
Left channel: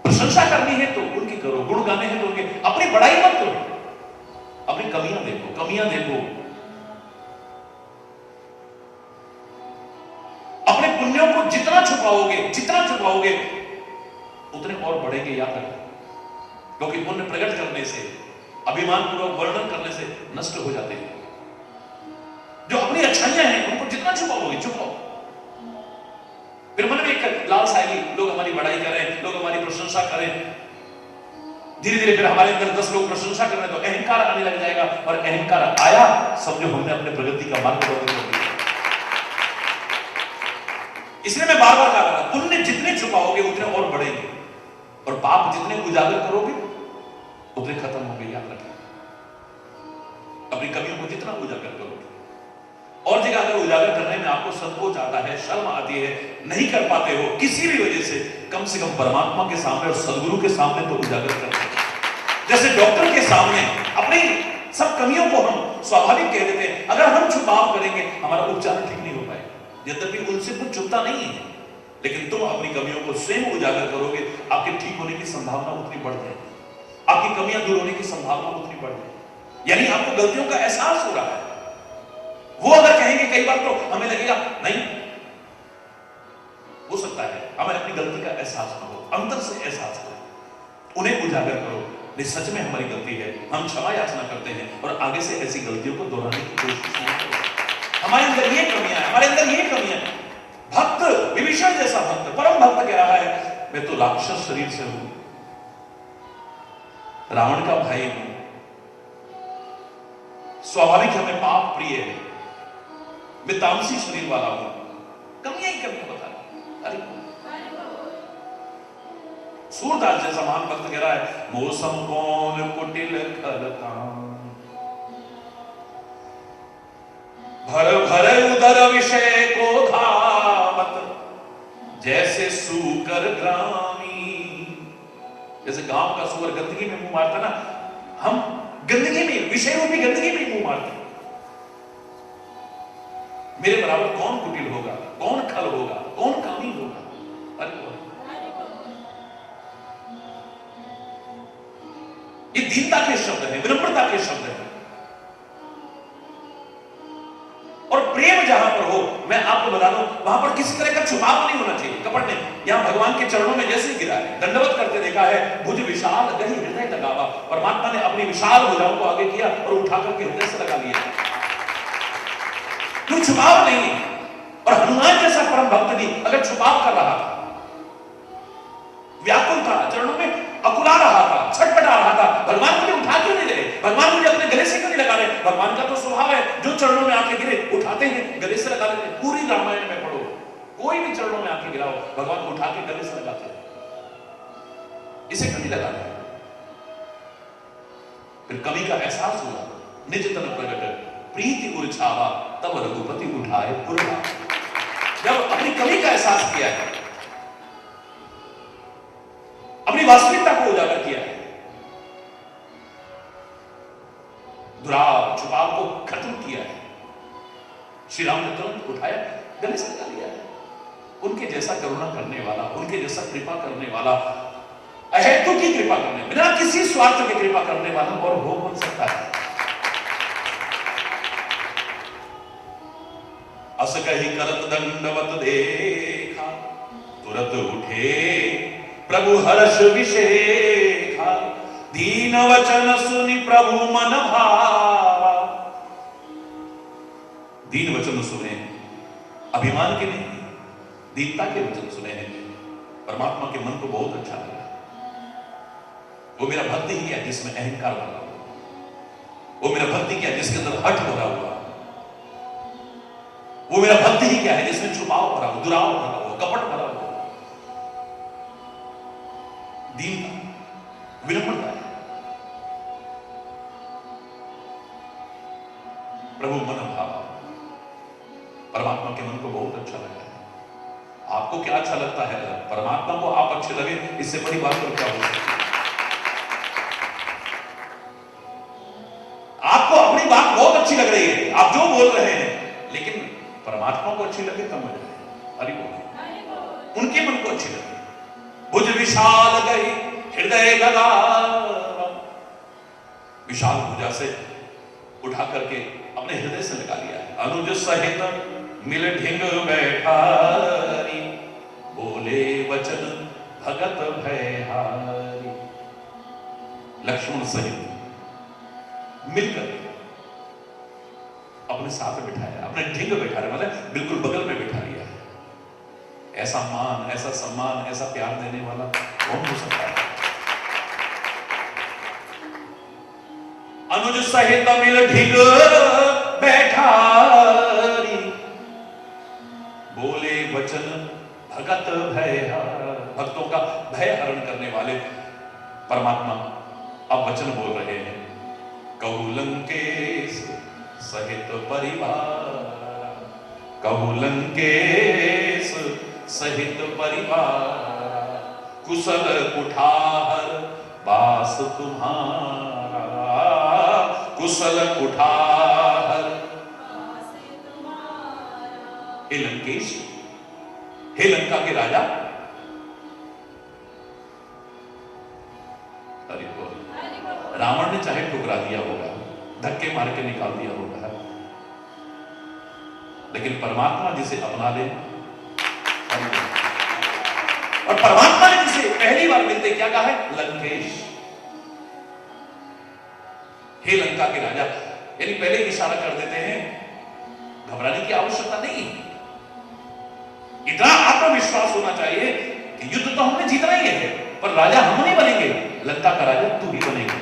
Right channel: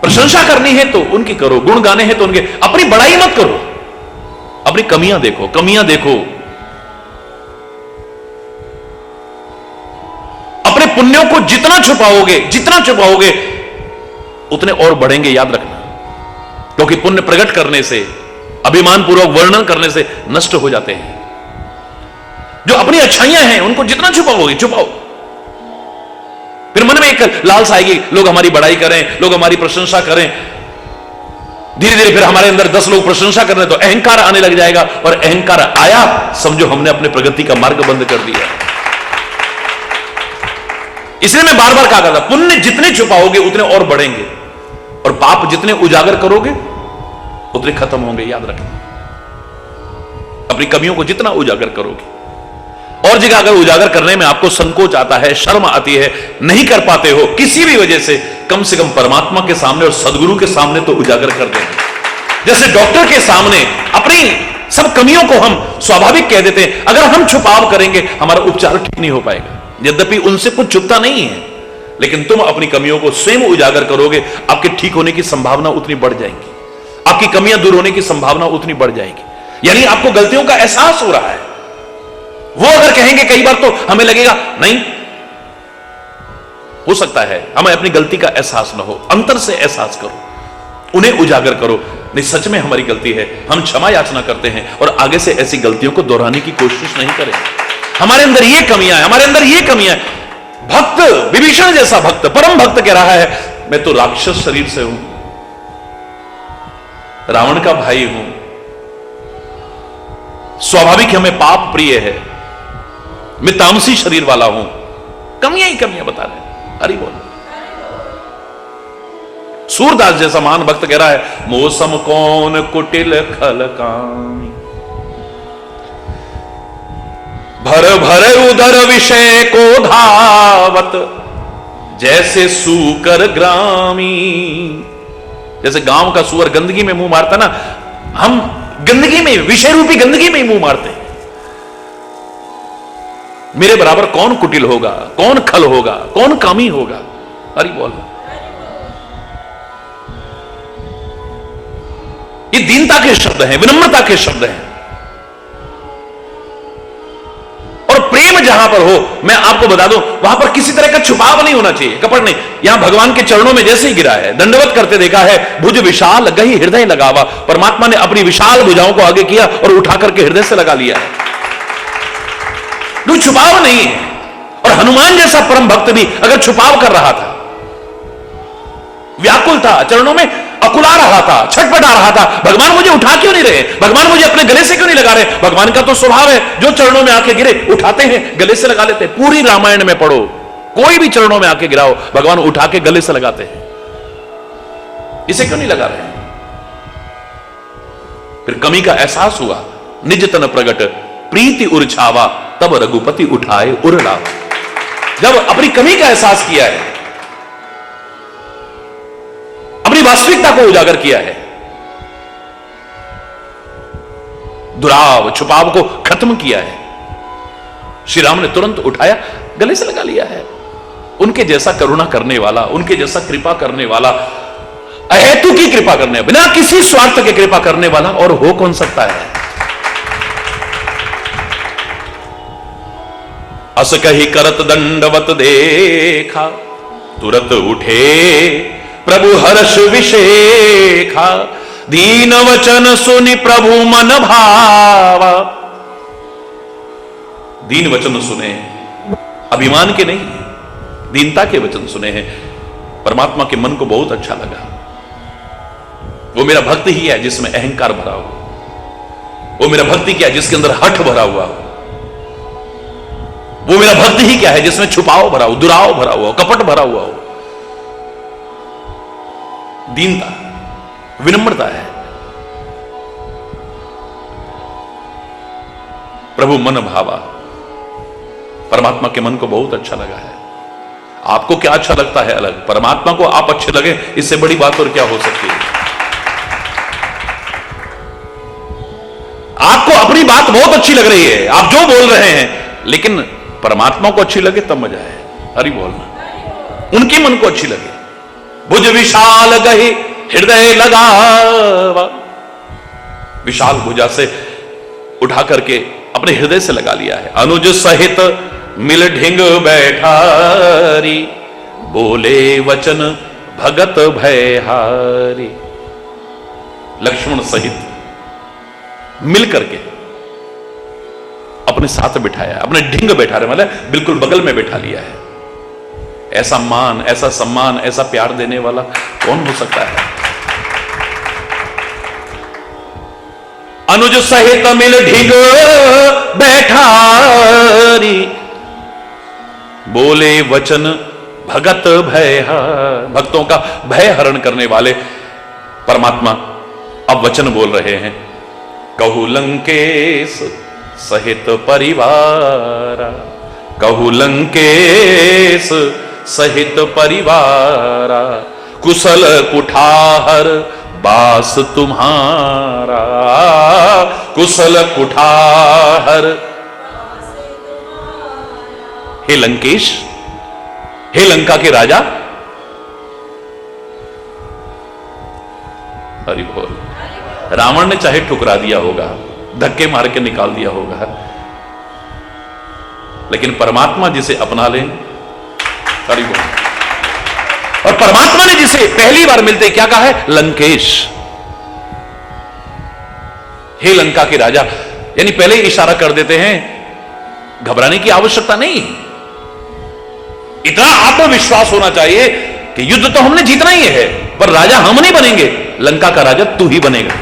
प्रशंसा करनी है तो उनकी करो, गुण गाने हैं तो उनके, अपनी बड़ाई मत करो। अपनी कमियां देखो, कमियां देखो। अपने पुण्यों को जितना छुपाओगे उतने और बढ़ेंगे, याद रखना। क्योंकि पुण्य प्रकट करने से, अभिमान पूर्वक वर्णन करने से नष्ट हो जाते हैं। जो अपनी अच्छाइयां हैं उनको जितना छुपाओगे, छुपाओ, फिर मन में एक लालसा आएगी, लोग हमारी बड़ाई करें, लोग हमारी प्रशंसा करें। धीरे धीरे फिर हमारे अंदर 10 लोग प्रशंसा कर रहे तो अहंकार आने लग जाएगा, और अहंकार आया समझो हमने अपने प्रगति का मार्ग बंद कर दिया। इसलिए मैं बार बार कहा करता, पुण्य जितने छुपाओगे उतने और बढ़ेंगे, और पाप जितने उजागर करोगे उतने खत्म होंगे। याद रखना, अपनी कमियों को जितना उजागर करोगे, और जगह अगर उजागर करने में आपको संकोच आता है, शर्म आती है, नहीं कर पाते हो किसी भी वजह से, कम से कम परमात्मा के सामने और सदगुरु के सामने तो उजागर कर देंगे। जैसे डॉक्टर के सामने अपनी सब कमियों को हम स्वाभाविक कह देते हैं, अगर हम छुपाव करेंगे हमारा उपचार ठीक नहीं हो पाएगा। यद्यपि उनसे कुछ छुपता नहीं है, लेकिन तुम अपनी कमियों को स्वयं उजागर करोगे, आपके ठीक होने की संभावना उतनी बढ़ जाएगी, आपकी कमियां दूर होने की संभावना उतनी बढ़ जाएगी। यानी आपको गलतियों का एहसास हो रहा है। वो अगर कहेंगे कई बार तो हमें लगेगा नहीं, हो सकता है हमें अपनी गलती का एहसास ना हो, अंतर से एहसास करो, उन्हें उजागर करो, नहीं सच में हमारी गलती है, हम क्षमा याचना करते हैं और आगे से ऐसी गलतियों को दोहराने की कोशिश नहीं करें। हमारे अंदर ये कमियां है, हमारे अंदर ये कमियां है। भक्त, विभीषण जैसा भक्त, परम भक्त कह रहा है, मैं तो राक्षस शरीर से हूं, रावण का भाई हूं, स्वाभाविक हमें पाप प्रिय है, मैं तामसी शरीर वाला हूं, कमियां ही कमियां बता रहे। हरि बोल। सूरदास जैसा महान भक्त कह रहा है, मौसम कौन कुटिल खल कामी, भर भर उधर विषय को धावत, जैसे सूकर ग्रामी। जैसे गांव का सुअर गंदगी में मुंह मारता ना, हम गंदगी में, विषय रूपी गंदगी में ही मुंह मारते हैं। मेरे बराबर कौन कुटिल होगा, कौन खल होगा, कौन कामी होगा। हरि बोल। ये दीनता के शब्द हैं, विनम्रता के शब्द हैं। और प्रेम जहां पर हो, मैं आपको बता दूं, वहां पर किसी तरह का छुपाव नहीं होना चाहिए, कपट नहीं। यहां भगवान के चरणों में जैसे ही गिरा है, दंडवत करते देखा है, भुज विशाल गही हृदय लगावा, परमात्मा ने अपनी विशाल भुजाओं को आगे किया और उठा करके हृदय से लगा लिया है। कोई छुपाव नहीं है। और हनुमान जैसा परम भक्त भी अगर छुपाव कर रहा था, व्याकुल था, चरणों में अकुला रहा था, छटपटा रहा था, भगवान मुझे उठा क्यों नहीं रहे, भगवान मुझे अपने गले से क्यों नहीं लगा रहे, भगवान का तो स्वभाव है जो चरणों में आके गिरे उठाते हैं, गले से लगा लेते हैं। पूरी रामायण में पढ़ो, कोई भी चरणों में आके गिराओ, भगवान उठा के गले से लगाते हैं। इसे क्यों नहीं लगा रहे? फिर कमी का एहसास हुआ, निज तन प्रगट प्रीति उर्छावा, तब रघुपति उठाए उरला। जब अपनी कमी का एहसास किया है, अपनी वास्तविकता को उजागर किया है, दुराव छुपाव को खत्म किया है, श्री राम ने तुरंत उठाया, गले से लगा लिया है। उनके जैसा करुणा करने वाला, उनके जैसा कृपा करने वाला, अहेतु की कृपा करने, बिना किसी स्वार्थ के कृपा करने वाला और हो कौन सकता है? अस कही करत दंडवत देखा, तुरत उठे प्रभु हर्ष विशेखा, दीन वचन सुनि प्रभु मन भावा। दीन वचन सुने, अभिमान के नहीं, दीनता के वचन सुने हैं। परमात्मा के मन को बहुत अच्छा लगा। वो मेरा भक्त ही है जिसमें अहंकार भरा हो, वो मेरा भक्ति क्या है जिसके अंदर हठ भरा हुआ हो, वो मेरा भक्त ही क्या है जिसमें छुपाव भरा हो, दुराव भरा हुआ हो, कपट भरा हुआ हो। दीनता, विनम्रता है। प्रभु मन भावा, परमात्मा के मन को बहुत अच्छा लगा है। आपको क्या अच्छा लगता है अलग, परमात्मा को आप अच्छे लगे, इससे बड़ी बात और क्या हो सकती है? आपको अपनी बात बहुत अच्छी लग रही है, आप जो बोल रहे हैं, लेकिन परमात्मा को अच्छी लगे तब मजा है। हरि बोलना, उनके मन को अच्छी लगे। भुज विशाल गही हृदय लगावा, विशाल भुजा से उठा करके अपने हृदय से लगा लिया है। अनुज सहित मिल ढिंग बैठारी, बोले वचन भगत भयहारी। लक्ष्मण सहित मिल करके अपने साथ बिठाया, अपने ढिंग बैठा रहे, मतलब बिल्कुल बगल में बैठा लिया है। ऐसा मान, ऐसा सम्मान, ऐसा प्यार देने वाला कौन हो सकता है? अनुज सहित मिल ढिंग बैठारी, बोले वचन भगत भय, भक्तों का भय हरण करने वाले परमात्मा अब वचन बोल रहे हैं। कहु लंकेश सहित परिवारा, कहु लंकेश सहित परिवारा, कुशल कुठार बास तुम्हारा, कुशल कुठार। हे लंकेश, हे लंका के राजा, हरि बोल। रावण ने चाहे ठुकरा दिया होगा, धक्के मार के निकाल दिया होगा, लेकिन परमात्मा जिसे अपना ले, हरि बोल। और परमात्मा ने जिसे पहली बार मिलते क्या कहा है? लंकेश, हे लंका के राजा। यानी पहले ही इशारा कर देते हैं, घबराने की आवश्यकता नहीं। इतना आत्मविश्वास होना चाहिए कि युद्ध तो हमने जीतना ही है, पर राजा हम नहीं बनेंगे, लंका का राजा तू ही बनेगा।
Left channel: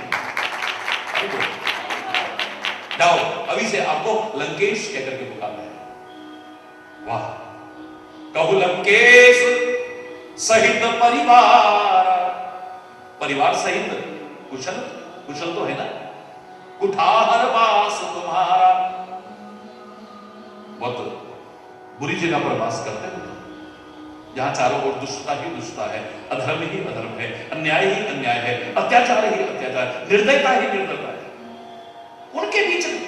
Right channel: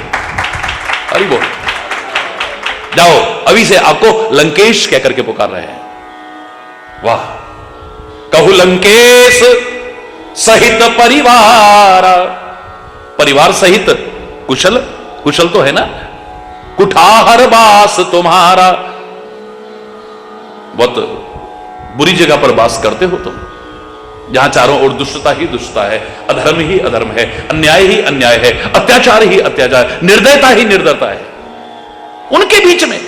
अरे बोल, जाओ, अभी से आपको लंकेश कहकर के पुकार रहे हैं। वाह। कहु लंकेश सहित परिवार, परिवार सहित कुशल, कुशल तो है ना, कुठार बास तुम्हारा। बहुत बुरी जगह पर बास करते हो तुम, जहां चारों ओर दुष्टता ही दुष्टता है, अधर्म ही अधर्म है, अन्याय ही अन्याय है, अत्याचार ही अत्याचार, निर्दयता ही निर्दयता है। उनके बीच में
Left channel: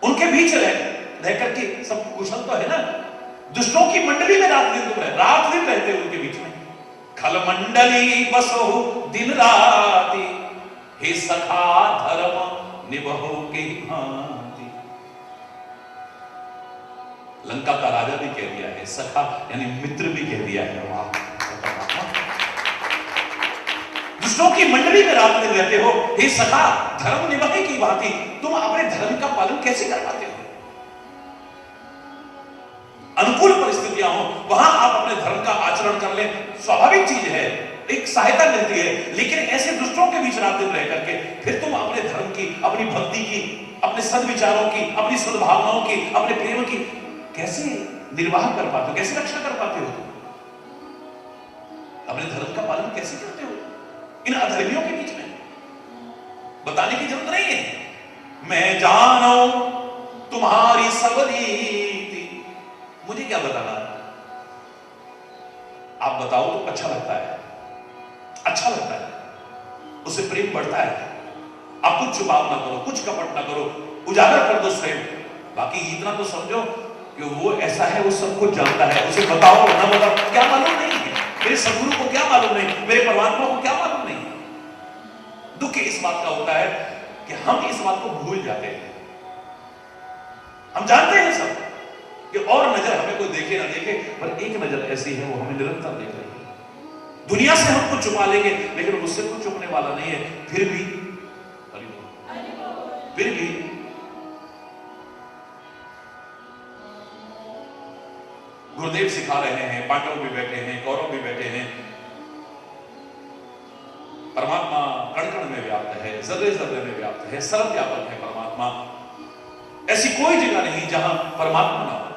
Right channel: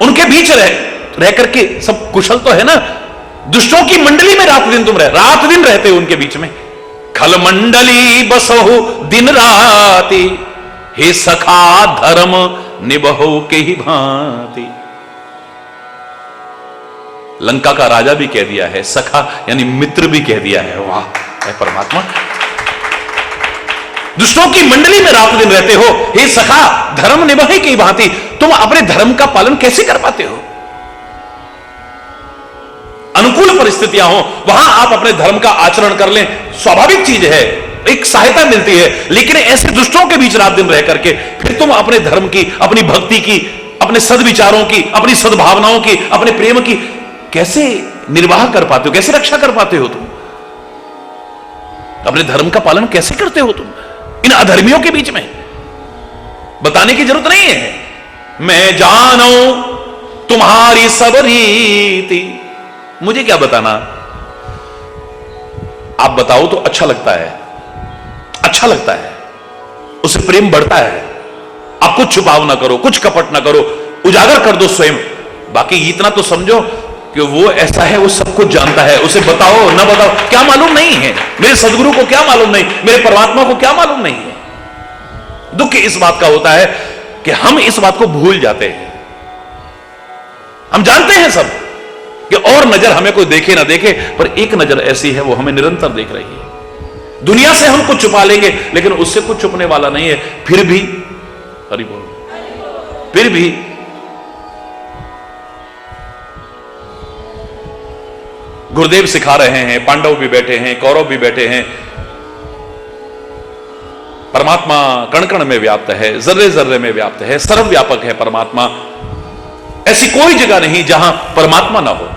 उनके बीच रह करके सब कुशल तो है ना। दुष्टों की मंडली में रात दिन तुम रात दिन रहते हो उनके बीच में। खल मंडली बसहु दिन राती, हे सखा धर्म निबहो के ही भांति। लंका का राजा भी कह दिया है, सखा यानी मित्र भी कह दिया है। वाह है परमात्मा। दुष्टों की मंडली में रात दिन रहते हो, हे सखा धर्म निबहे की भांति, तुम अपने धर्म का पालन कैसे कर पाते हो? अनुकूल परिस्थितियां हो वहां आप अपने धर्म का आचरण कर लें, स्वाभाविक चीज है, एक सहायता मिलती है। लेकिन ऐसे दुष्टों के बीच रात दिन रह करके फिर तुम अपने धर्म की, अपनी भक्ति की, अपने सद्विचारों की, अपनी सद्भावनाओं की, अपने प्रेम की कैसे निर्वाह कर पाते हो, कैसे रक्षा कर पाते हो? तुम अपने धर्म का पालन कैसे करते हो तुम इन अधर्मियों के बीच में? बताने की जरूरत नहीं है। मैं जानो तुम्हारी सब रीति, मुझे क्या बताना, आप बताओ तो अच्छा लगता है, अच्छा लगता है, उससे प्रेम बढ़ता है। आप कुछ छुपाव ना करो, कुछ कपट ना करो, उजागर कर दो स्वयं। बाकी इतना तो समझो कि वो ऐसा है, वो सब कुछ जानता है, उसे बताओ ना बताओ क्या मालूम नहीं है, मेरे सदगुरु को क्या मालूम नहीं, मेरे परमात्मा को क्या मालूम नहीं है। दुख इस बात का होता है कि हम इस बात को भूल जाते हैं। हम जानते हैं सब कि और नजर हमें कोई देखे ना देखे, पर एक नजर ऐसी है वो हमें निरंतर देख रही है। दुनिया से हम कुछ छुपा लेंगे लेकिन उससे कुछ छुपने वाला नहीं है। फिर भी हरि बोल, फिर भी गुरुदेव सिखा रहे हैं, पांडव भी बैठे हैं, कौरव भी बैठे हैं। परमात्मा कण कण में व्याप्त है, जर्रे जर्रे में व्याप्त है, सर्वव्यापक है परमात्मा। ऐसी कोई जगह नहीं जहां परमात्मा ना हो।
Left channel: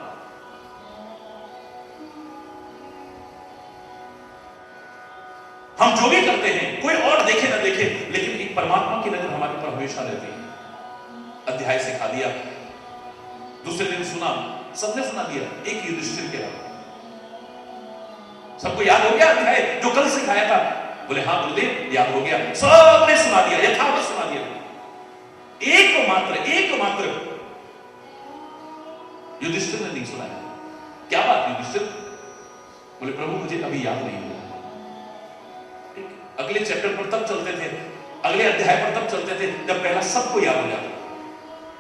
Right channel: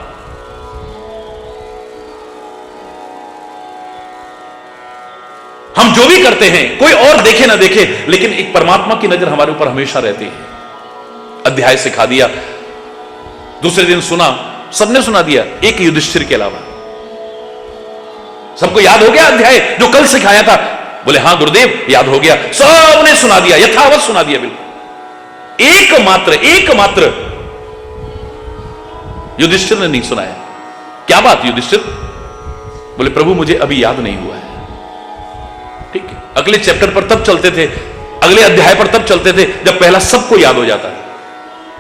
हम जो भी करते हैं कोई और देखे ना देखे, लेकिन एक परमात्मा की नजर हमारे ऊपर हमेशा रहती है। अध्याय सिखा दिया, दूसरे दिन सुना, सबने सुना दिया, एक युधिष्ठिर के अलावा। सबको याद हो गया अध्याय जो कल सिखाया था? बोले हां गुरुदेव याद हो गया। सबने सुना दिया, यथावत सुना दिया बिल्कुल। एकमात्र युधिष्ठिर ने नहीं सुनाया। क्या बात युधिष्ठिर? बोले प्रभु मुझे अभी याद नहीं हुआ है। ठीक है, अगले चैप्टर पर तब चलते थे, अगले अध्याय पर तब चलते थे जब पहला सबको याद हो जाता।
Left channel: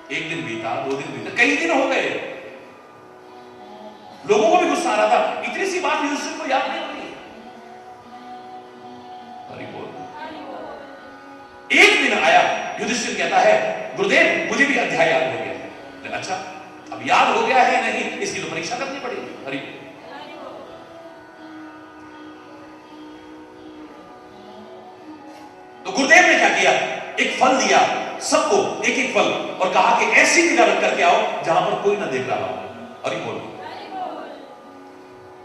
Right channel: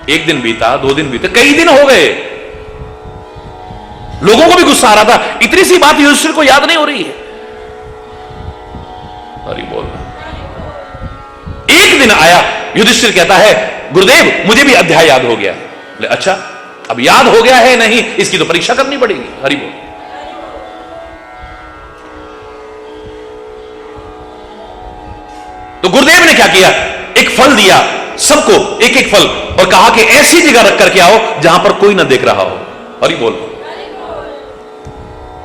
एक दिन बीता, 2 दिन बीते, कई दिन हो गए, लोगों को भी गुस्सा आ रहा था, इतनी सी बात युधिष्ठिर को याद नहीं हो रही है। हरि बोल। एक दिन आया, युधिष्ठिर कहता है गुरुदेव मुझे भी अध्याय याद हो गया। बोले अच्छा, अब याद हो गया है नहीं, इसकी तो परीक्षा करनी पड़ेगी। हरि बोल। तो गुरुदेव ने क्या किया, एक फल दिया सबको, एक एक फल, और कहा कि ऐसी जगह रख करके आओ जहां पर कोई ना देख रहा हो। हरि बोल।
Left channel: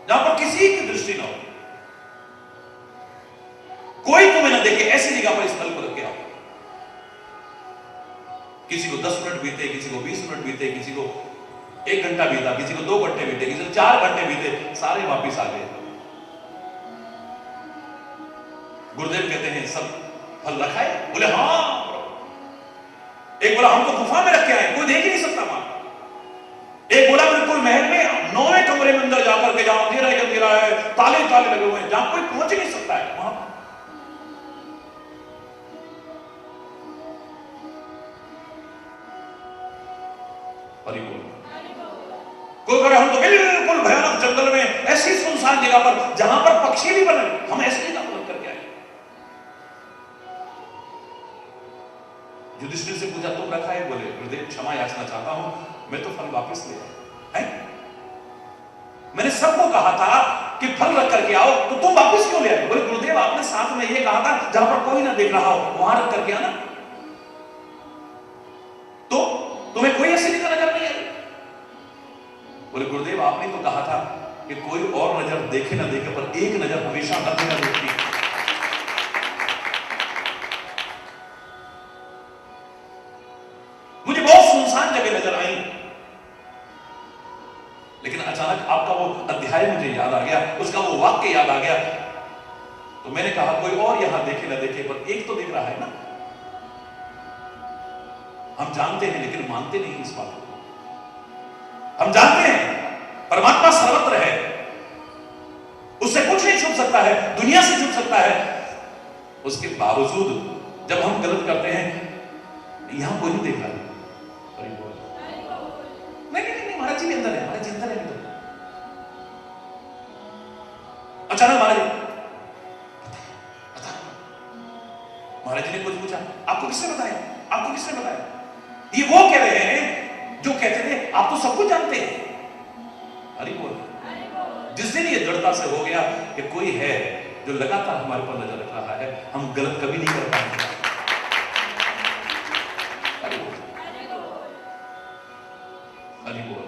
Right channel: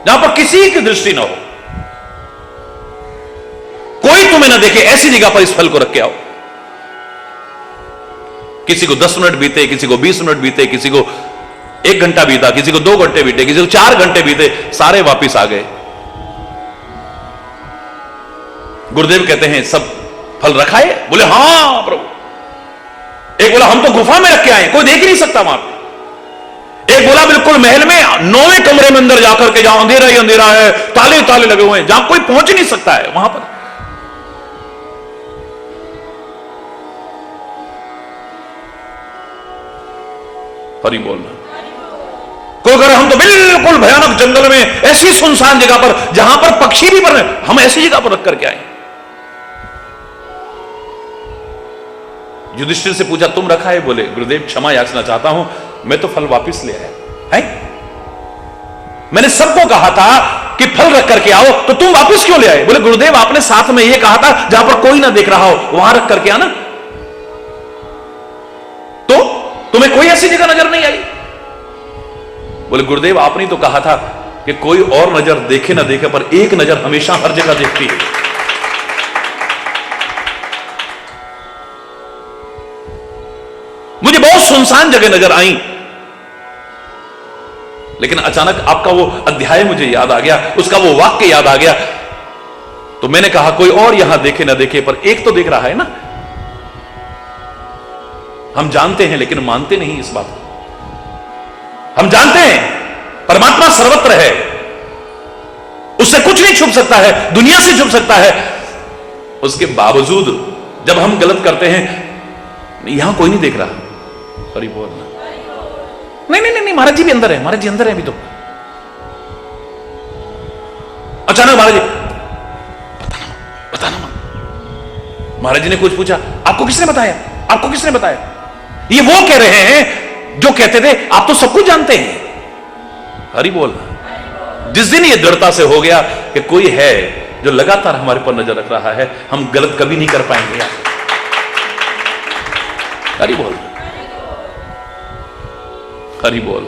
जहां पर किसी की दृष्टि ना हो, कोई तुम्हें ना देखे, ऐसी जगह पर इस फल को रख के आओ। किसी को 10 मिनट बीते, किसी को 20 मिनट बीते, किसी को 1 घंटा बीता, किसी को 2 घंटे बीते, किसी को 4 घंटे बीते, सारे वापिस आ गए। गुरुदेव कहते हैं सब फल रखा है? बोले हां प्रभु। एक बोला हम तो गुफा में रख के आए, कोई देख ही नहीं सकता वहां पे। एक बोला बिल्कुल महल में 9वें कमरे में अंदर जाकर के, जहां अंधेरा ही अंधेरा है, ताले ताले लगे हुए हैं, जहां कोई पहुंच ही नहीं सकता है, वहां पर। हरि बोलना। कोई कह रहे हम तो बिल्कुल भयानक जंगल में, ऐसी सुनसान जगह पर जहां पर पक्षी भी मर रहे, हम ऐसी जगह पर रख करके आए। युधिष्ठिर से पूछा तुम रखा है? बोले गुरुदेव क्षमा याचना चाहता हूं, मैं तो फल वापिस ले आया है। मैंने सबको कहा था कि फल रख करके आओ, तो तुम वापस क्यों ले आए? बोले गुरुदेव आपने साथ में यह कहा था जहां पर कोई ना देख रहा हो वहां रख करके आना, तो तुम्हें कोई ऐसी जगह नजर नहीं आई। बोले गुरुदेव आपने तो कहा था कि कोई और नजर देखे ना देखे, पर एक नजर हमेशा हर जगह देखती है। मुझे बहुत सुनसान जगह नजर आई, लेकिन अचानक आपका वो अध्याय मुझे याद आ गया, उसका वो वाक्य याद आ गया, तो मैंने कहा कोई और यहां देखे ना देखे, पर एक तो देख रहा है ना। हम जानते हैं लेकिन मानते नहीं इस बात को। हम जानते हैं परमात्मा सर्वत्र है, उससे कुछ नहीं छुप सकता है, दुनिया से छुप सकता है। उसके बावजूद जब हम गलत करते हैं यहां कोई नहीं देख रहा। हरि बोल। नहीं नहीं नहीं, महाराज जी भी अंदर है, महाराज जी अंदर है अभी तो। अचानक महाराज जी बताना महाराज जी ने कुछ पूछा, आपको किसने बताया, आपको किसने बताया? ये वो कह रहे हैं जो कहते थे आप तो सब कुछ जानते हैं। हरि बोल। जिस दिन ये दृढ़ता से हो गया कि कोई है जो लगातार हमारे पर नजर रख रहा है, हम गलत कभी नहीं कर पाएंगे। हरि बोल, हरि बोल।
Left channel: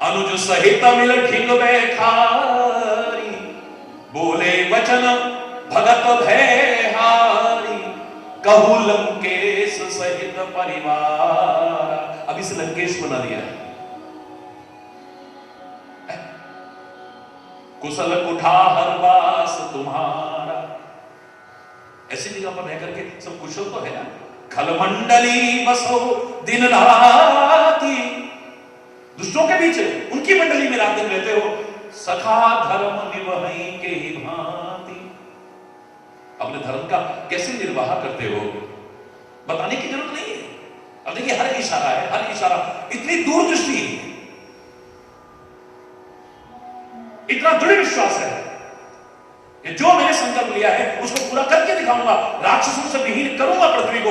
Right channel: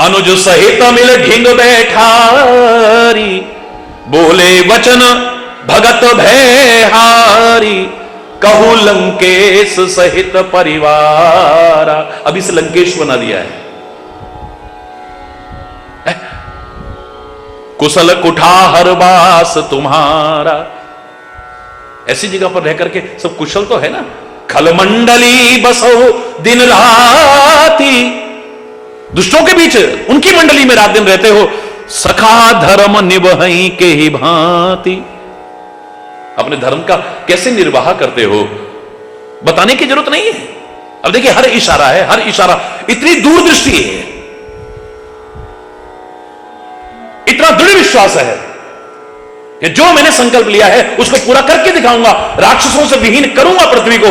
अनुज सहित मिल ढिंग बैठारी, बोले वचन भगत भयहारी, कहू लंकेश सहित परिवार। अब इस लंकेश बना दिया है। कुशल कुठार वास तुम्हारा, ऐसी जगह पर रह करके सब कुशल तो है ना। खलमंडली बसो दिन राती, दुष्टों के बीच उनकी मंडली में रात दिन रहते हो। सखा धर्म निभई के ही भांति, अपने धर्म का कैसे निर्वाह करते हो बताने की जरूरत नहीं है। अब देखिए हर इशारा है, हर इशारा इतनी दूरदृष्टि है, इतना दृढ़ विश्वास है कि जो मैंने संकल्प लिया है उसको पूरा करके दिखाऊंगा। राक्षसों से विहीन करूंगा पृथ्वी को,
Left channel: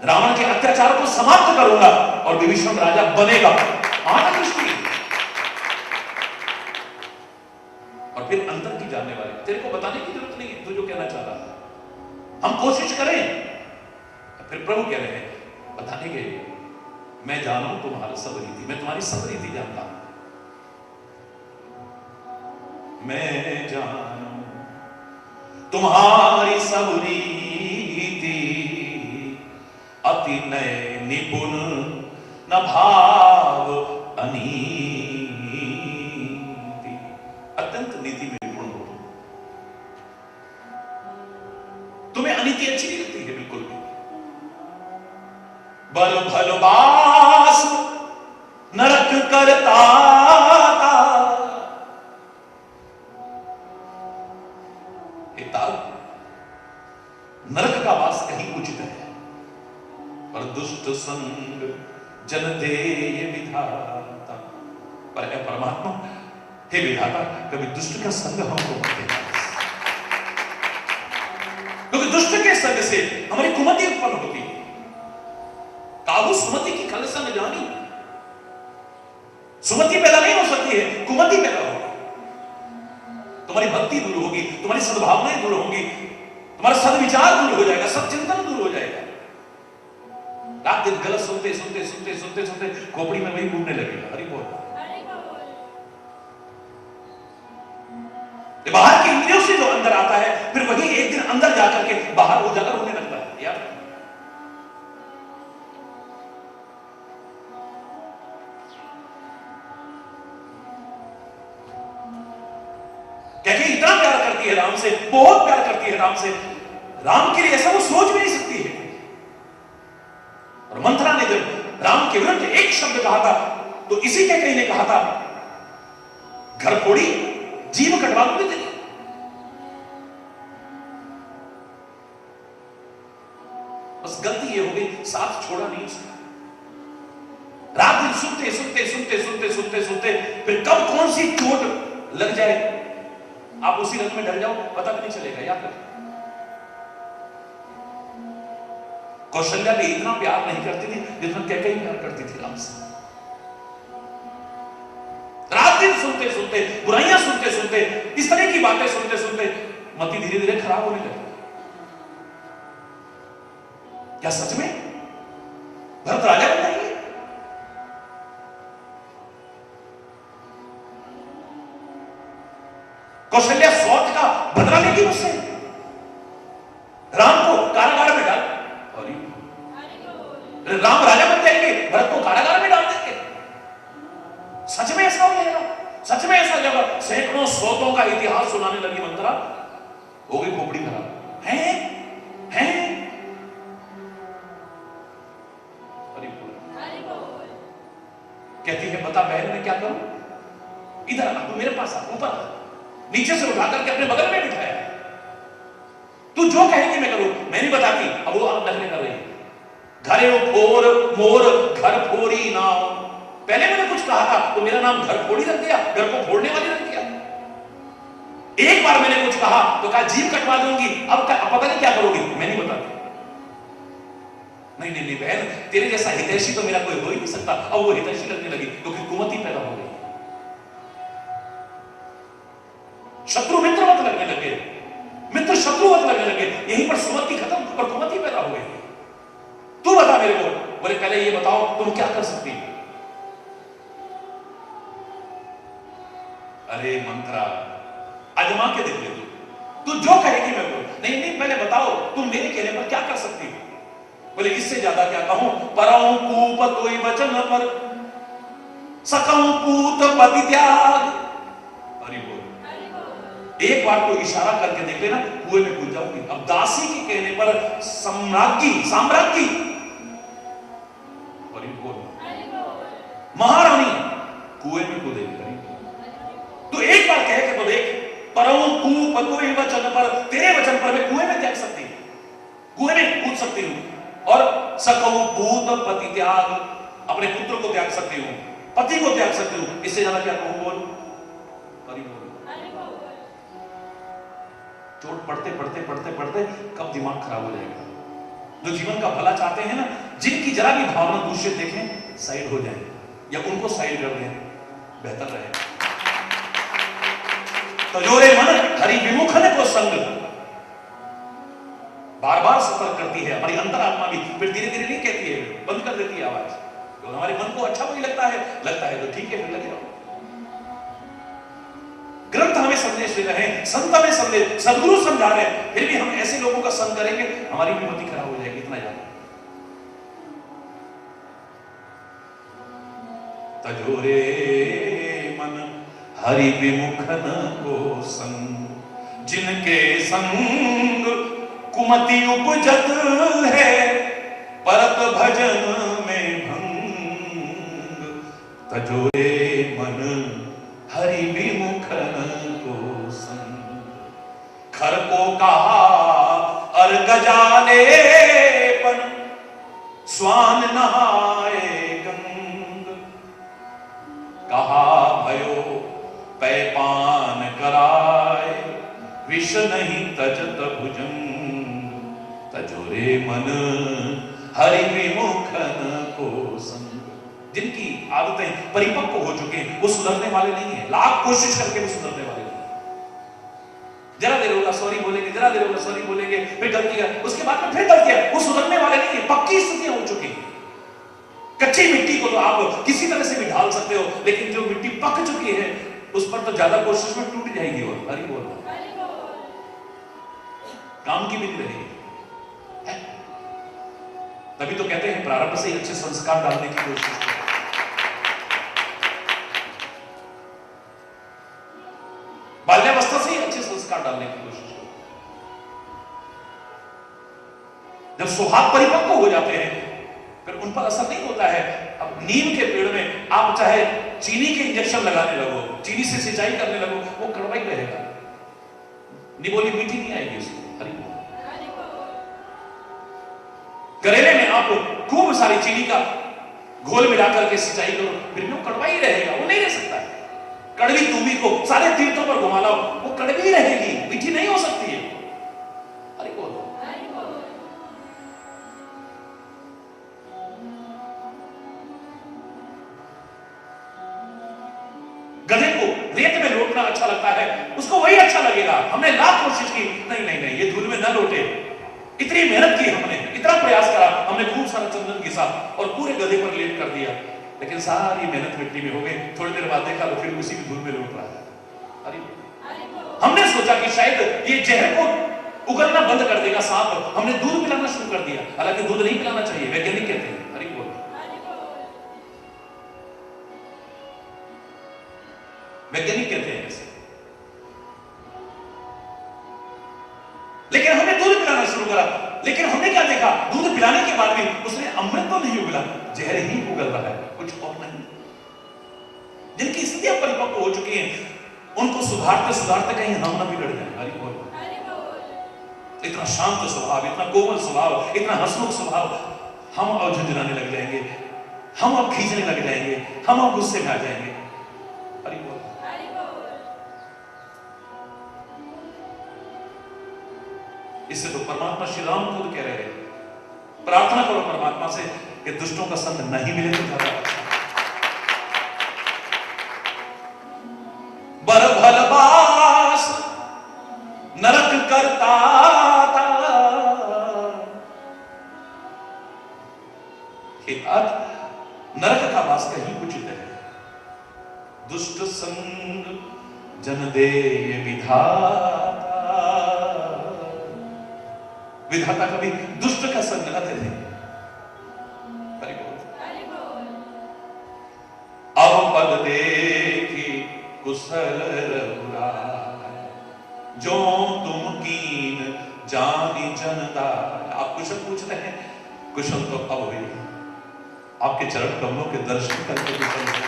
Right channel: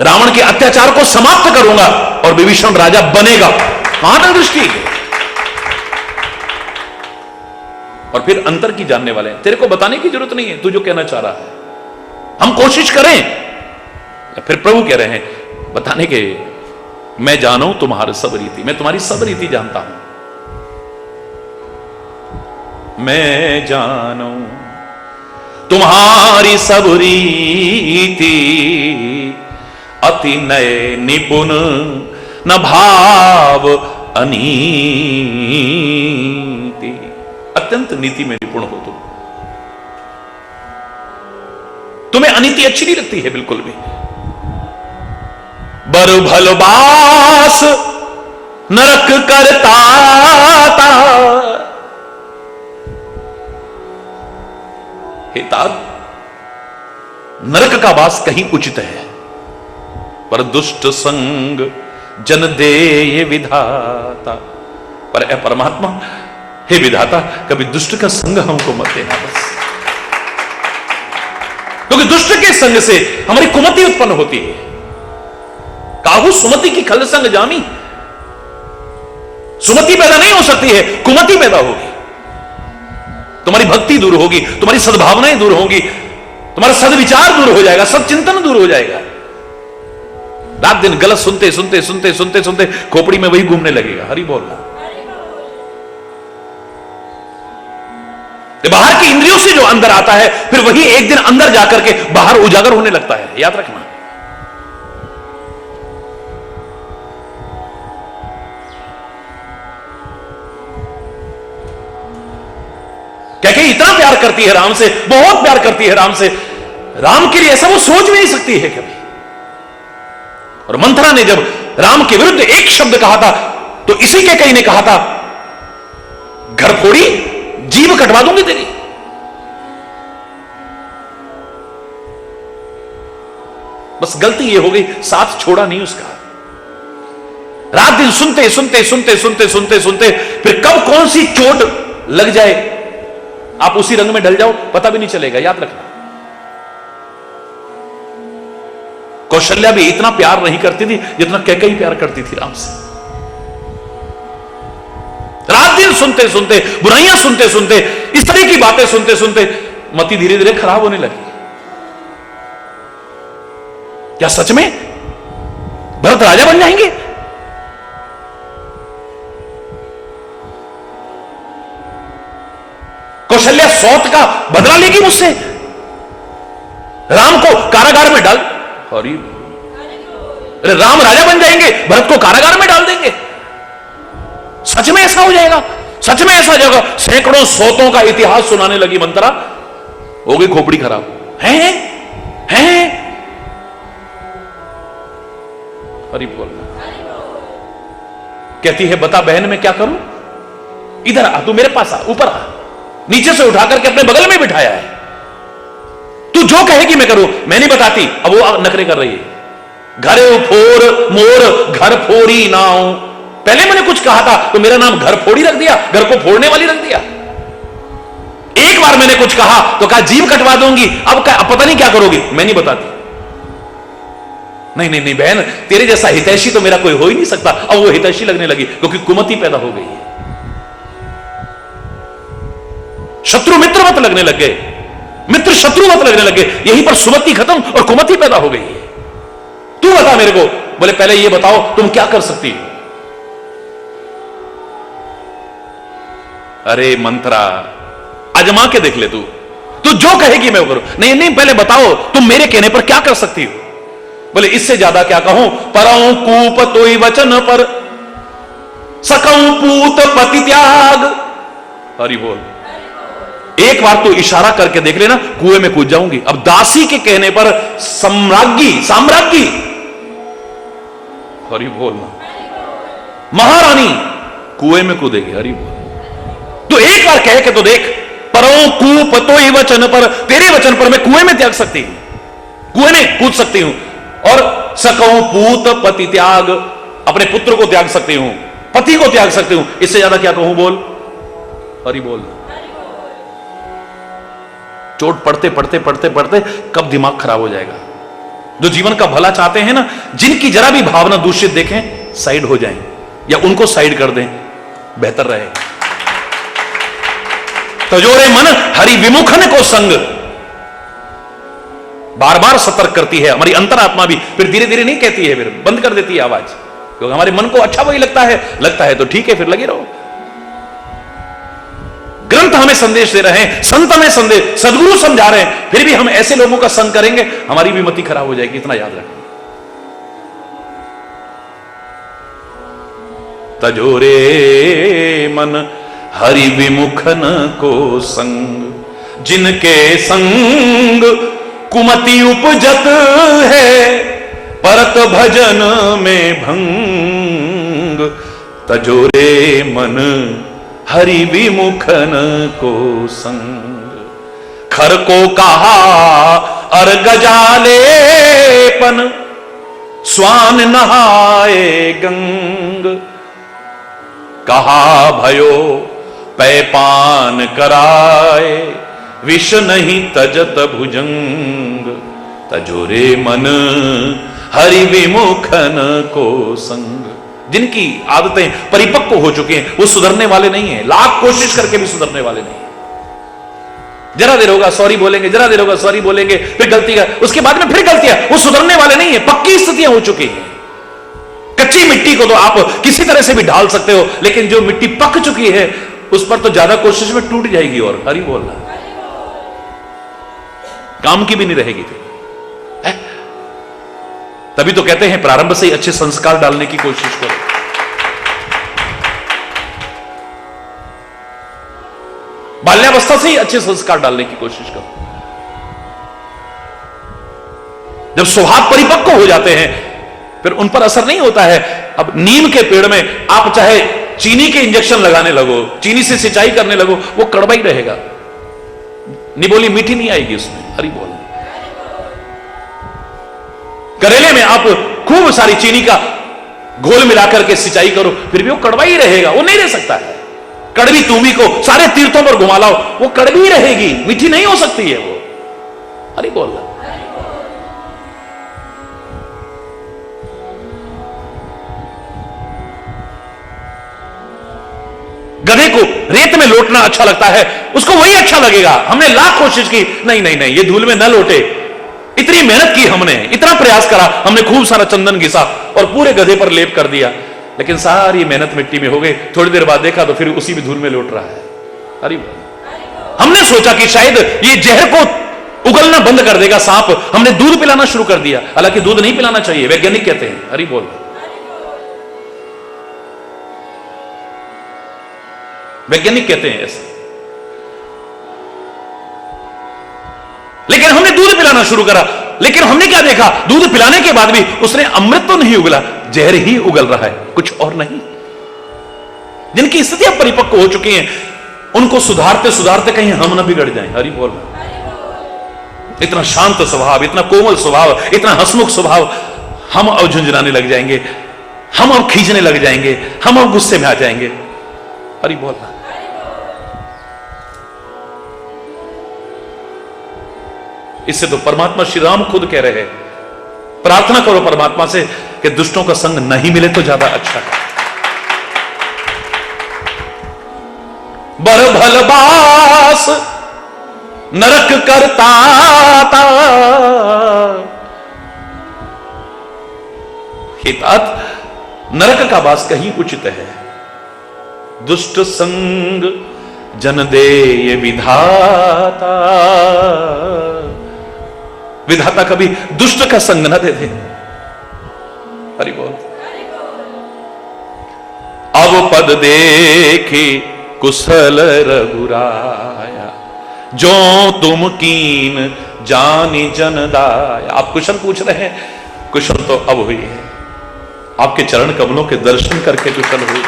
रावण के अत्याचार को समाप्त करूंगा और विभीषण राजा बनेगा। कहां तक दृष्टि है? और फिर अंतर की जानने वाले हैं, तेरे को बताने की जरूरत नहीं है तू जो कहना चाह रहा है। हम कोशिश करें, फिर प्रभु कह रहे हैं बताने के, मैं जानू तुम्हारी सब रीति, मैं तुम्हारी सब रीति जानता हूं। मैं जानू तुम्हारी सब रीति, अति नय निपुण न भाव अनीति। अत्यंत नीति में निपुण हो तुम, तुम्हें अनीति अच्छी नहीं लगती है बिल्कुल भी। बर भलबास नरक करता था, तात नरक का वास कहीं उचित है, पर दुष्ट संग जन दे ये विधाता। पर ए परमात्मा, हे विधाता, कभी दुष्ट का संग हमको मत देना बस, क्योंकि दुष्ट के संग से हमारी कुमति उत्पन्न होती है। काहू सुमति की खल संग जामी, सुमति पैदा नहीं हो सकती है, कुमति पैदा होगी। तुम्हारी भक्ति दूर होगी, तुम्हारी सद्भावनाएं दूर होंगी, तुम्हारा सद्विचार दूर हो जाएगा, सदचिंतन दूर हो जाएगा। रात दिन गलत सुनते सुनते सुनते सुनते सुनते खोपड़ी में वही घूमने लगेगा। हरि बोलना। बाहर की इंद्रियों से जो अंदर आता है, फिर वही एक दिन अंदर जाकर के बाहर उजागर होने लगता है, याद रखना। कैके इतना प्यार करती है राम से, बहुत प्यार करती है राम से, राम के लिए ऐसा वो सोच भी नहीं सकती है कभी। और मंथरा ने जब राम के विरुद्ध एक शब्द कहा था, तो इसी के कई ने कहा था, घर फोड़ी जीभ कटवा दूंगी तेरी। बस गलती ये हो गई, साथ छोड़ा नहीं उसका। रात दिन सुनते सुनते सुनते सुनते सुनते सुनते, फिर कब कौन सी चोट लग जाए, आप उसी रंग में ढल जाओ, पता भी नहीं चलेगा, याद रखना। कौशल्या भी इतना प्यार नहीं करती थी जितना कैकेयी प्यार करती थी राम से। रात दिन सुनते सुनते, बुराइयां सुनते सुनते, इस तरह की बातें सुनते सुनते मति धीरे धीरे खराब होने लगी। क्या सच में भरत राजा बन जाएंगे? कौशल्या सौत का बदला लेगी मुझसे, राम को कारागार में डाल, अरे राम राजा बन जाएंगे, भरत को कारागार में डाल देंगे। सच में ऐसा हो जाएगा? सच में ऐसा हो जाएगा? सैकड़ों सौतों का इतिहास सुनाने लगी मंत्रा, हो गई खोपड़ी खराब। हैं हरि बोल। कहती है बता बहन मैं क्या करूं? इधर आ, तू मेरे पास आ, ऊपर आ। नीचे से उठा करके अपने बगल में बिठाया है, तू जो कहेगी मैं करूं। मैं नहीं बताती, अब वो नखरे कर रही है। घर फोर मोर घर फोड़ी नाउ। पहले मैंने कुछ कहा था तो मेरा नाम घर फोड़ी रख दिया, घर को फोड़ने वाली रख दिया। एक बार मैंने कुछ कहा तो कहा जीभ कटवा दूंगी, अब पता नहीं क्या करोगी। मैं नहीं बताती। नहीं नहीं नहीं बहन, तेरे जैसा हितैषी तो मेरा कोई हो ही नहीं सकता। अब वो हितैषी लगने लगी क्योंकि कुमति पैदा हो गई है। शत्रु मित्र मत लगने लग गए, मित्र शत्रु मत लगने लगे। यहीं पर सुमति खत्म और कुमति पैदा हो गई है। तू बता मेरे को। बोले पहले ये बताओ तुम क्या कर सकती हो। अरे मंत्रा आजमा के देख ले, तू जो कहेगी मैं वो करूं। नहीं नहीं पहले बताओ तुम मेरे कहने पर क्या कर सकती हो। बोले इससे ज्यादा क्या कहूं। परऊं कूप तोई वचन पर सकऊं पूत पति त्याग। हरि बोल। एक बार तो इशारा करके देख लेना, कुएं में कूद जाऊंगी। अब दासी के कहने पर साम्राज्ञी हरि बोल, महारानी कुएं में कूदेगी। हरि बोल। तो एक बार कह के तो देख। परऊं कूप तोई वचन पर, तेरे वचन पर मैं कुएं में त्याग सकती हूं, कुएं में कूद सकती हूं। और सकऊं पूत पति त्याग, अपने पुत्र को त्याग सकती हूं, पति को त्याग सकती हूं। इससे ज्यादा क्या कहूं। बोल हरि बोल। चोट पड़ते पड़ते पड़ते पड़ते कब दिमाग खराब हो जाएगा। जो जीवन का भला चाहते हैं ना, जिनकी जरा भी भावना दूषित देखें साइड हो जाएं या उनको साइड कर दें, बेहतर रहे। तजोरे मन हरि विमुखन को संग, बार बार सतर्क करती है हमारी अंतरात्मा भी। फिर धीरे धीरे नहीं कहती है, फिर बंद कर देती है आवाज, क्योंकि हमारे मन को अच्छा वही लगता है तो ठीक है, फिर लगे रहो। ग्रंथ हमें संदेश दे रहे हैं, संत हमें संदेश, सदगुरु समझा रहे हैं, फिर भी हम ऐसे लोगों का संग करेंगे हमारी भी मति खराब हो जाएगी। इतना याद रखें। तजोरे मन हरि विमुखन को संग, जिनके संग कुमति उपजत है, परत भजन में भंग। तजोरे मन हरि विमुखन को संग। खर को कहा अर गजालेपन, स्वान नहाए गंग। कहा भयो पैपान कराए, विष नहीं तजत भुजंग। तजोरे मन हरि विमुखन को संग। जिनकी आदतें परिपक्व हो चुकी हैं वो सुधरने वाले नहीं हैं, लाख कोशिश करके भी सुधरने वाले नहीं हैं। जरा देर होगा सॉरी बोलेंगे, जरा देर होगा सॉरी बोलेंगे, फिर गलती का, उसके बाद में फिर गलतियां, वो सुधरने वाले नहीं है। पक्की स्थितियां हो चुकी हैं। कच्ची मिट्टी को तो आप किसी तरह से भी ढाल सकते हो, लेकिन जो मिट्टी पक चुकी है उस पर तो ज्यादा कोशिश में टूट जाएगी। और हरि बोलना काम की भी नहीं रहेगी। तभी तो कहते हैं प्रारंभ से ही अच्छे संस्कार डालने की कोशिश करो। बाल्यावस्था से ही अच्छे संस्कार डालने की कोशिश करो। जब स्वभाव परिपक्व हो जाते हैं फिर उन पर असर नहीं होता है। अब नीम के पेड़ में आप चाहे चीनी के इंजेक्शन लगाने लगो, चीनी से सिंचाई करने लगो, वो कड़वा ही रहेगा, निबोली मीठी नहीं आएगी उसमें। हरि बोल। करेले में आप खूब सारी चीनी का घोल मिलाकर के सिंचाई करो, फिर भी वो कड़वा ही रहेगा, वो नहीं रह सकता है। कड़वी तूमी को सारे तीर्थों पर घुमा लाओ, वो कड़वी रहेगी, मीठी नहीं हो सकती है वो। हरि बोल। गधे को रेत में लोटना अच्छा लगता है, उसको वही अच्छा लगेगा। हमने लाख कोशिश की, नहीं नहीं नहीं, ये धूल में न लोटे। इतनी मेहनत की हमने, इतना प्रयास करा, हमने खूब सारा चंदन घिसा और पूरे गधे पर लेप कर दिया, लेकिन सारी मेहनत मिट्टी में हो गई। थोड़ी देर बाद देखा तो फिर उसी भी धूल में लौट रहा है। अरे हमने सोचा कि शायद ये जहर को उगलना बंद कर देगा सांप, हमने दूध पिलाना शुरू कर दिया। हालांकि दूध नहीं पिलाना चाहिए, वैज्ञानिक कहते हैं। हरि बोल। वैज्ञानिक कहते हैं ऐसे, लेकिन हमने दूध पिलाना शुरू करा। लेकिन हमने क्या देखा, दूध पिलाने के बाद भी उसने अमृत तो नहीं उगला, जहर ही उगल रहा है, कुछ और नहीं। जिनकी स्थितियां परिपक्व हो चुकी हैं उनको सुधारते सुधारते कहीं हम न बिगड़ जाएं। हरि बोल। इतना शांत स्वभाव, इतना कोमल स्वभाव, इतना हंसमुख स्वभाव, हम अब झुंझुनाने लग जाएंगे, हम अब खींचने लग जाएंगे, हम अब गुस्से में आ जाएंगे। अरे बोलना, इससे तो परमात्मा श्री राम खुद कह रहे हैं, प्रार्थना करो परमात्मा से कि दुष्टों का संग नहीं मिले तो ज्यादा अच्छा है। बर भलबास नरक करता था, हितात नरक का वास कहीं उचित है। दुष्ट संग जन दे ये विधाता, विधाता कभी दुष्ट का संग न दे दे। हरि बोल। अब पद देखे कुशल रघुराया, जो तुम कीन जानी जन दाया। आप कुशल पूछ रहे हैं, कुशल तो अब हुई है, आपके चरण कमलों के दर्शन करके कुशल हुई।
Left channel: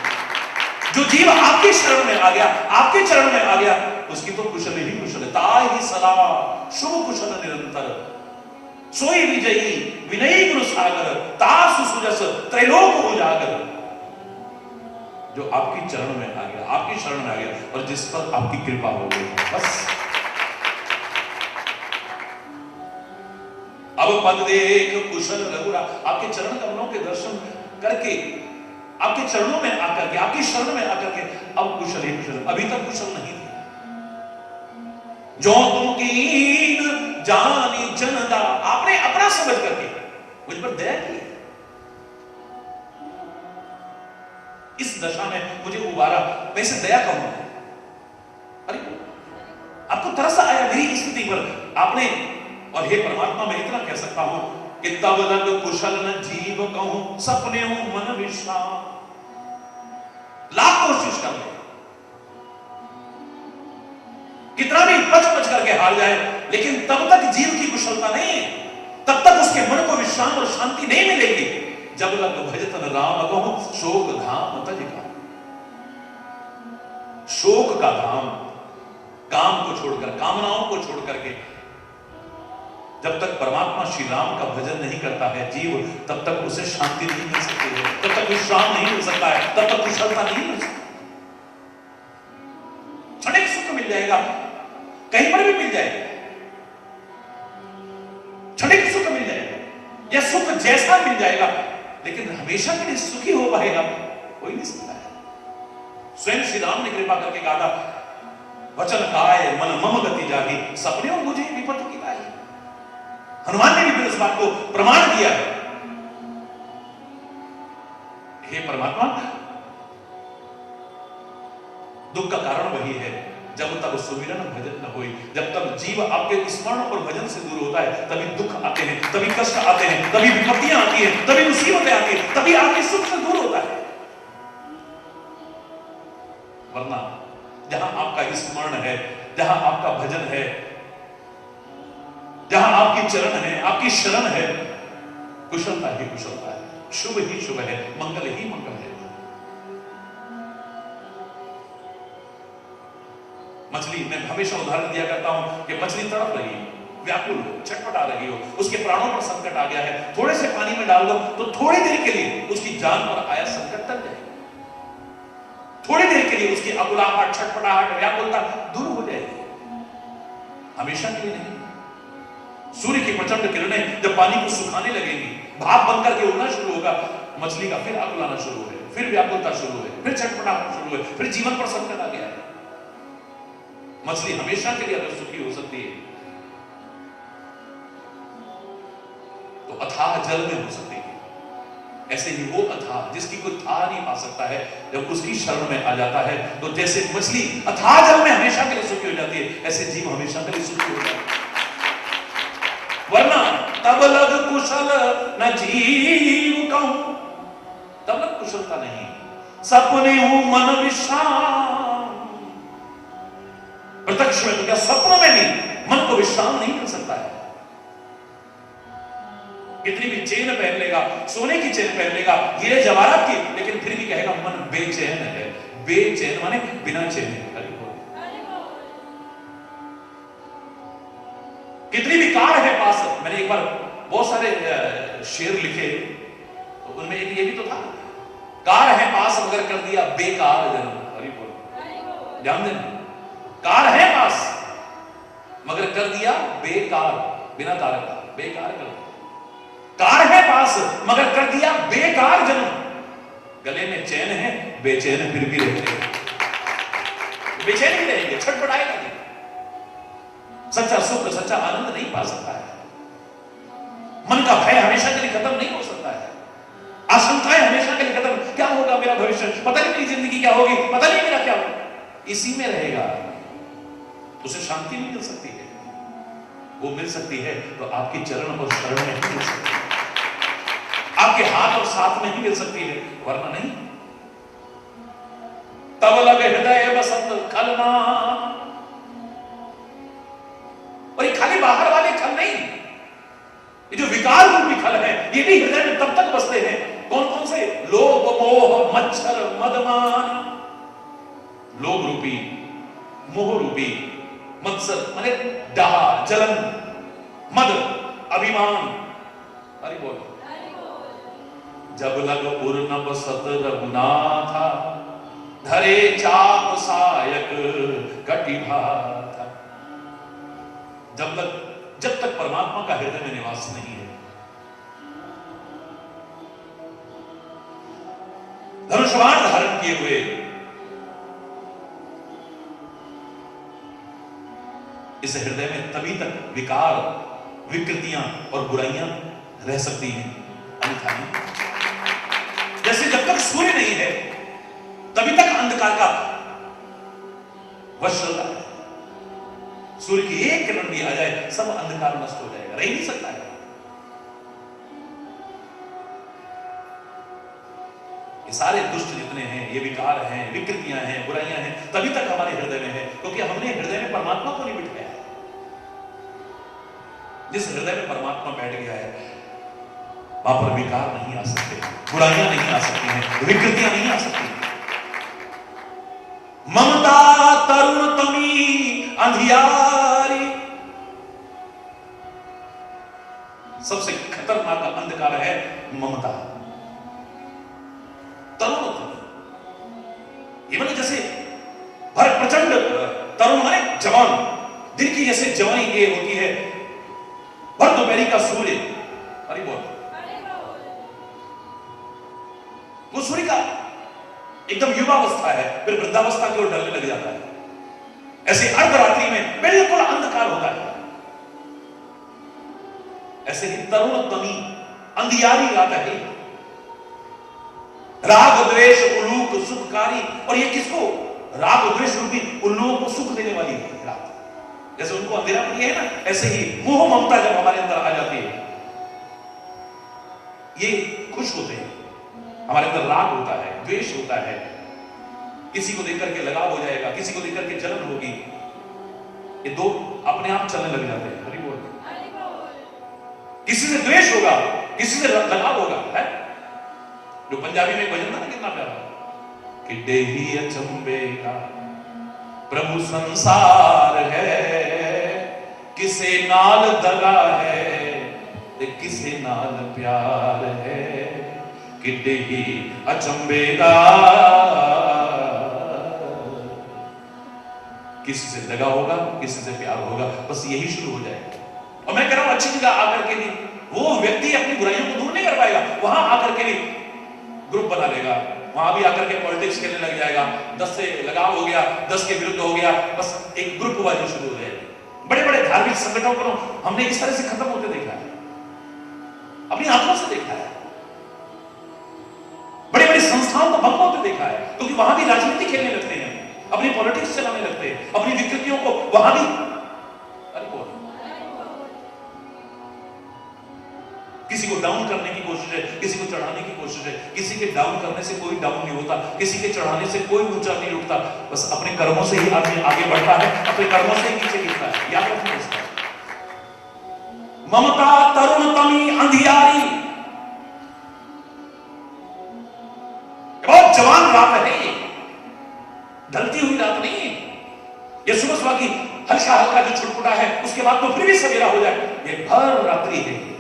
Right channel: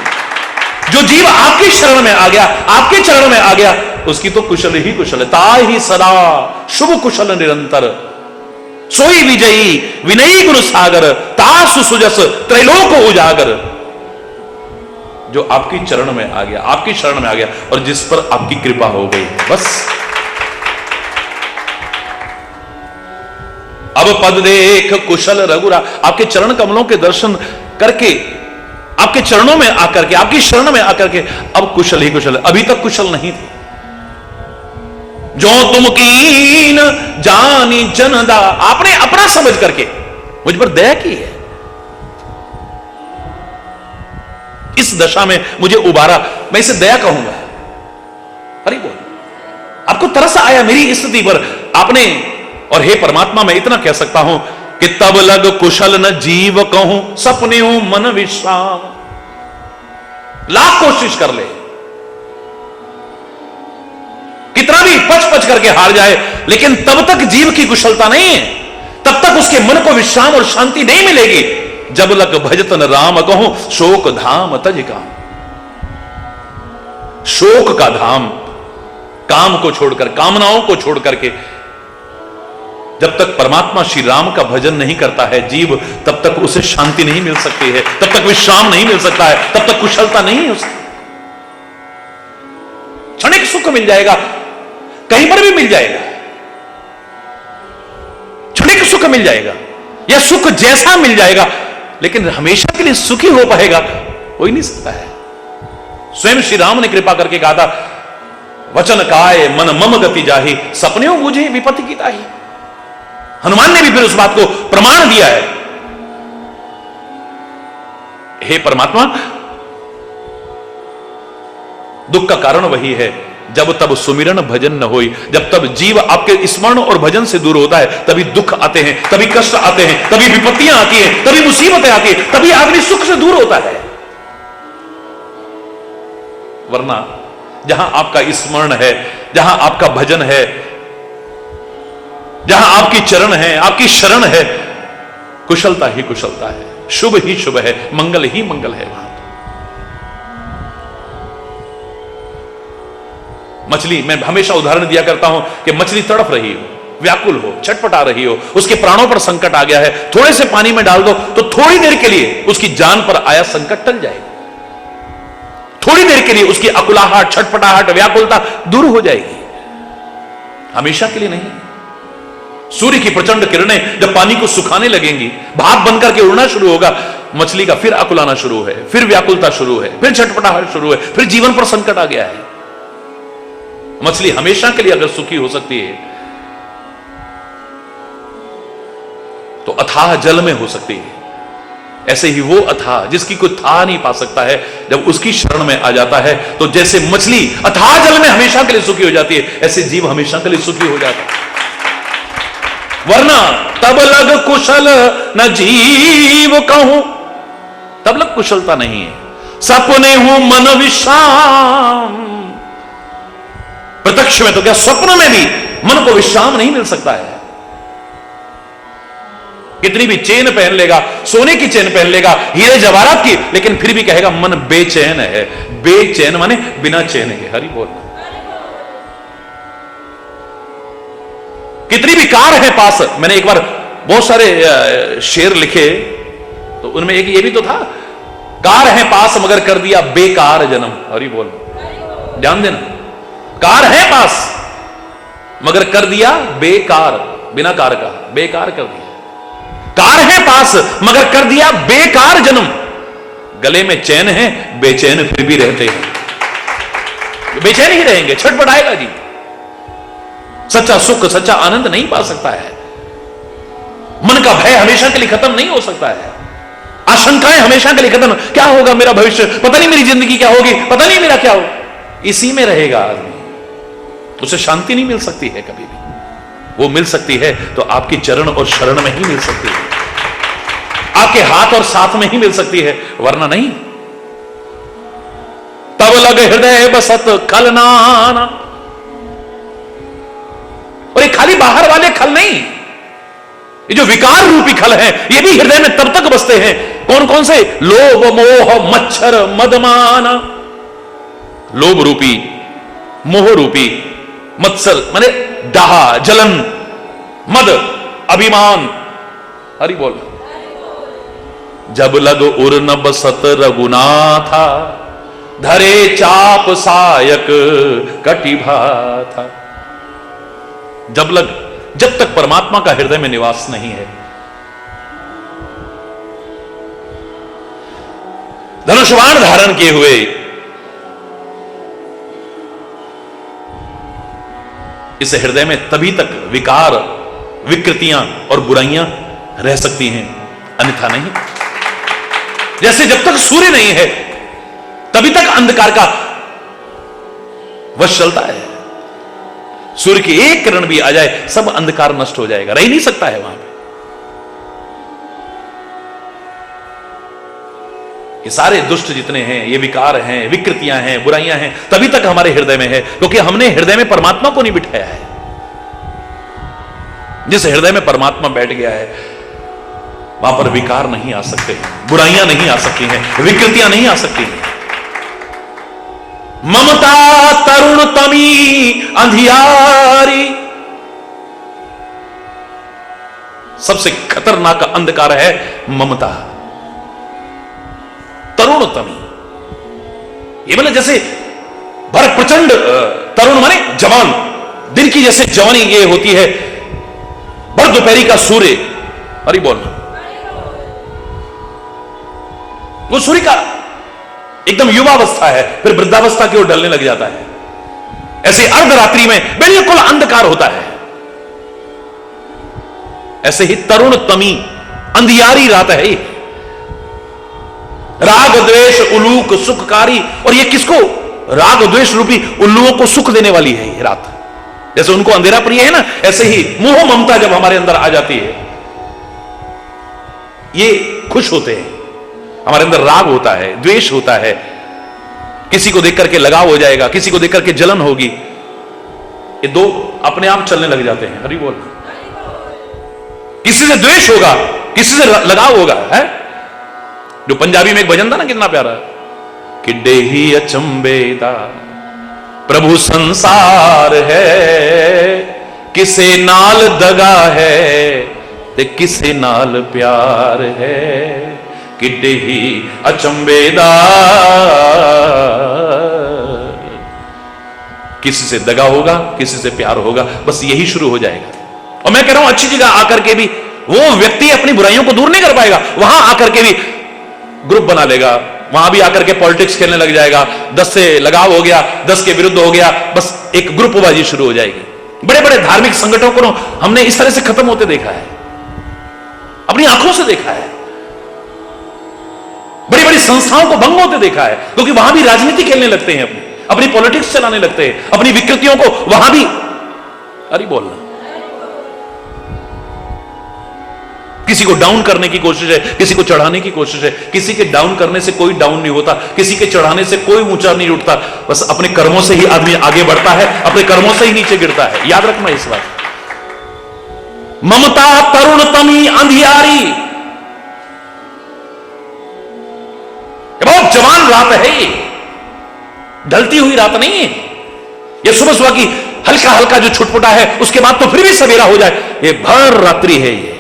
जो जीव आपकी शरण में आ गया, आपके चरण में आ गया, उसकी तो कुशल ही कुशल है। ताहि सदा शुभ कुशल निरंतर, सोई विजयी विनयी गुरु सागर, तासु सुजस त्रैलोक उजागर। जो आपकी चरण में आ गया, आपकी शरण में आ गया, और जिस पर आपकी कृपा हो गई, बस। अब पद देख कुशल रघुरा, आपके चरण कमलों के दर्शन करके, आपके चरणों में आकर के, आपकी शरण में आकर के अब कुशल ही कुशल, अभी तक कुशल नहीं थे। जो तुम कीन जानी जनदा, आपने अपना समझ करके मुझ पर दया की है, इस दशा में मुझे उबारा, मैं इसे दया कहूंगा। हरि बोल। आपको तरस आया मेरी स्थिति पर, आपने, और हे परमात्मा मैं इतना कह सकता हूं कि तब लग कुशल न जीव कहूं, सपने हो मन विश्राम। लाख कोशिश कर ले, कितना भी पच पच करके हार जाए, लेकिन तब तक जीव की कुशलता नहीं है, तब तक उसके मन को विश्राम और शांति नहीं मिलेगी। जब लग भजतन राम कहूं, शोक धाम तज काम। शोक का धाम, काम को छोड़कर, कामनाओं को छोड़ करके जब तक परमात्मा श्री राम का भजन नहीं करता है जीव, तब तक उसे शांति नहीं मिल सकती है, तब तक विश्राम नहीं मिल सकता है, तब तक कुशलता नहीं हो सकती। क्षणिक सुख मिल जाएगा, कहीं पर भी मिल जाएगा, क्षणिक सुख मिल जाएगा, या सुख जैसा मिल जाएगा, लेकिन हमेशा के लिए सुखी हो पाएगा हो ही नहीं सकता है। स्वयं श्री राम ने कृपा करके कहा था, वचन काय मन मम गति जाही, सपने मुझे विपत्ति की ताही। हनुमान ने भी फिर उस बात को प्रमाण दिया है। हे परमात्मा, दुख का कारण वही है जब तब सुमिरन भजन न होई। जब तब जीव आपके स्मरण और भजन से दूर होता है, तभी दुख आते हैं, तभी कष्ट आते हैं, तभी विपत्तियां आती हैं, तभी मुसीबतें आती हैं, तभी आदमी सुख से दूर होता है। वरना जहां आपका स्मरण है, जहां आपका भजन है, जहां आपकी चरण है, आपकी शरण है, कुशलता ही कुशलता है, शुभ ही शुभ है, मंगल ही मंगल है। वहां मछली, मैं हमेशा उदाहरण दिया करता हूं कि मछली तड़प रही हो, व्याकुल हो, छटपटा रही हो, उसके प्राणों पर संकट आ गया है, थोड़े से पानी में डाल दो तो थोड़ी देर के लिए उसकी जान पर आया संकट टल जाएगा, थोड़ी देर के लिए उसकी अकुलाहट, छटपटाहट, व्याकुलता दूर हो जाएगी, हमेशा के लिए नहीं। सूर्य की प्रचंड किरणें जब पानी को सुखाने लगेंगी, भाप बनकर के उड़ना शुरू होगा, मछली का फिर अकुलाना शुरू है, फिर व्याकुलता शुरू है, फिर छटपटाहट शुरू है, फिर जीवन पर संकट आ गया है। मछली हमेशा के लिए अगर सुखी हो सकती है तो अथाह जल में हो सकती है। ऐसे ही वो अथाह जिसकी कोई था नहीं पा सकता है, जब उसकी शरण में आ जाता है तो जैसे मछली अथाह जल में हमेशा के लिए सुखी हो जाती है, ऐसे जीव हमेशा के लिए सुखी हो जाता है। वरना तब लग कुशल न जीव कहूं, तब लग कुशलता नहीं है। सपने हूं मन विश्राम, प्रत्यक्ष में तो क्या, स्वप्न में भी मन को विश्राम नहीं मिल सकता है। कितनी भी चेन पहन लेगा, सोने की चेन पहन लेगा, हीरे जवाहरात की, लेकिन फिर भी कहेगा मन बेचैन है। बेचैन माने बिना चैन के। हरि बोल। कितनी भी कार है पास। मैंने एक बार बहुत सारे शेर लिखे, तो उनमें एक ये भी तो था, कार है पास मगर कर दिया बेकार जन्म। हरि बोल, ध्यान देना, कार है पास मगर कर दिया बेकार, बिना कार का बेकार कर दिया। कार है पास मगर कर दिया बेकार जन्म। गले में चैन है, बेचैन फिर भी रहते हैं। बेचैन ही रहेंगे, छटपट आएगा जी। सच्चा सुख, सच्चा आनंद नहीं पा सकता है। मन का भय हमेशा के लिए खत्म नहीं हो सकता है। आशंकाएं हमेशा के लिए खत्म, क्या होगा मेरा भविष्य, पता नहीं मेरी जिंदगी क्या होगी, पता नहीं मेरा क्या होगा, इसी में रहेगा आदमी। उसे शांति नहीं मिल सकती है कभी भी। वो मिल सकती है तो आपकी चरण और शरण में ही मिल सकती है, आपके हाथ और साथ में ही मिल सकती है, वरना नहीं। तब लग हृदय बसत खलनाना। और ये खाली बाहर वाले खल नहीं, ये जो विकार रूपी खल है, ये भी हृदय में तब तक बसते हैं। कौन कौन से? लोभ मोह मच्छर मदमाना। लोभ रूपी, मोह रूपी, मत्सर माने डाहा, जलन, मद, अभिमान। हरि बोल। जब लग उर न बसत रघुनाथा, धरे चाप सायक कटिभा था। जब तक परमात्मा का हृदय में निवास नहीं है, धनुष्वाण धारण किए हुए इस हृदय में तभी तक विकार, विकृतियां और बुराइयां रह सकती हैं, अन्यथा नहीं। जैसे जब तक सूर्य नहीं है तभी तक अंधकार का वश चलता है। सूर्य की एक किरण भी आ जाए, सब अंधकार नष्ट हो जाएगा, रह ही नहीं सकता है वहां पे। ये सारे दुष्ट जितने हैं, ये विकार हैं, विकृतियां हैं, बुराइयां हैं, तभी तक हमारे हृदय में है क्योंकि हमने हृदय में परमात्मा को नहीं बिठाया है। जिस हृदय में परमात्मा बैठ गया है वहां पर विकार नहीं आ सकते, बुराइयां नहीं आ सकती हैं, विकृतियां नहीं आ सकती हैं। ममता तरुण तमी अंधियारी। सबसे खतरनाक अंधकार है ममता, तरुण तमी। ये मतलब जैसे बड़ा प्रचंड तरुण माने जवान, दिन की जैसे जवानी ये होती है, भर दोपहरी का सूर्य। हरि बोल। वो सूर्य का एकदम युवावस्था है, फिर वृद्धावस्था की ओर ढलने लग जाता है। ऐसे अर्धरात्रि में बिल्कुल अंधकार होता है। ऐसे ही तरुण तमी अंधियारी रात है। राग द्वेष उलूक सुखकारी। और ये किसको? राग द्वेष रूपी उल्लुओं को सुख देने वाली है ये रात। जैसे उनको अंधेरा प्रिय है ना, ऐसे ही मोह ममता जब हमारे अंदर आ जाती है, ये खुश होते हैं। हमारे अंदर राग होता है, द्वेष होता है, किसी को देख करके लगाव हो जाएगा, किसी को देख करके जलन होगी, ये दो अपने आप चलने लग जाते हैं। हरि बोल। किसी से द्वेष होगा, किसी से लगाव होगा, है? जो पंजाबी में एक भजन था ना, कितना प्यारा, कि देही अचंबेदा प्रभु संसार है, किसे नाल दगा है ते किसे नाल प्यार है, कि देही अचंबेदा। किसी से दगा होगा, किसी से प्यार होगा, बस यही शुरू हो जाएगा। और मैं कह रहा हूं अच्छी जगह आकर के भी वो व्यक्ति अपनी बुराइयों को दूर नहीं कर पाएगा। वहां आकर के भी ग्रुप बना लेगा, वहां भी आकर के पॉलिटिक्स खेलने लग जाएगा। 10 से लगाव हो गया, 10 के विरुद्ध हो गया, बस एक ग्रुपबाजी शुरू हो जाएगी। बड़े बड़े धार्मिक संगठनों को हमने इस तरह से खत्म होते देखा है, अपनी आंखों से देखा है। बड़ी बड़ी संस्थाओं को भंग होते देखा है, क्योंकि वहां भी राजनीति खेलने लगते हैं, अपनी पॉलिटिक्स चलाने लगते हैं, अपनी विकृतियों को वहां भी। अरे बोलना, किसी को डाउन करने की कोशिश है, किसी को चढ़ाने की कोशिश है। किसी के डाउन करने से कोई डाउन नहीं होता, किसी के चढ़ाने से कोई ऊंचा नहीं उठता। बस अपने कर्मों से ही आदमी आगे बढ़ता है, अपने कर्मों से ही नीचे गिरता है। याद रखना इस बात। ममता तरुण तमी अंधियारी। बहुत जवान रात है ये, ढलती हुई रात नहीं है। ये सुबह सुबह की हल्का हल्का जो छुटपुटा है उसके बाद तो फिर भी सवेरा हो जाए, ये भर रात्रि है। ये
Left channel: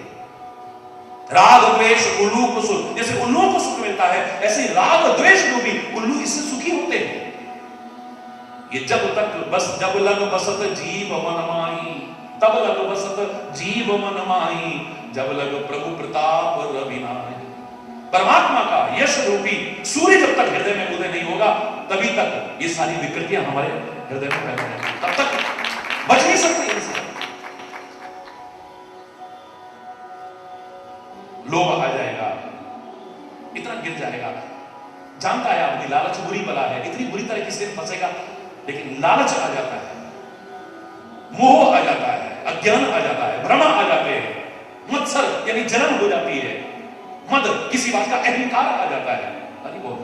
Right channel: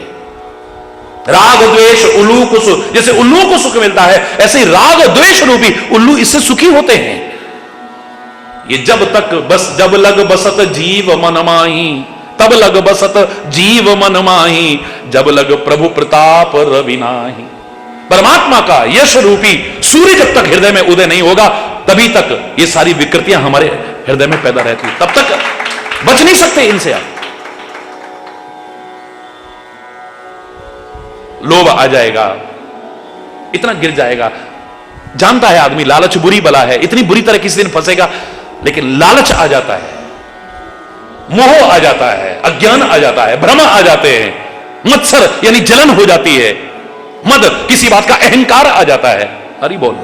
राग द्वेष उल्लू को सुख, जैसे उल्लू को सुख मिलता है ऐसे ही राग द्वेष रूपी उल्लू इससे सुखी होते हैं। ये जब तक बस जब लग बसत जीव मन माही, तब लग बसत जीव मन माही, जब लग प्रभु प्रताप रवि नाही। परमात्मा का यश रूपी सूर्य जब तक हृदय में उदय नहीं होगा तभी तक ये सारी विकृतियां हमारे हृदय में पैदा रहती, तब तक बच नहीं सकते इनसे। आप लोभ आ जाएगा, इतना गिर जाएगा। जानता है आदमी लालच बुरी बला है, इतनी बुरी तरह किसी दिन फंसेगा, लेकिन लालच आ जाता है, मोह आ जाता है, अज्ञान आ जाता है, भ्रम आ जाते हैं, मत्सर यानी जलन हो जाती है, मद किसी बात का अहंकार आ जाता है। हरि बोल।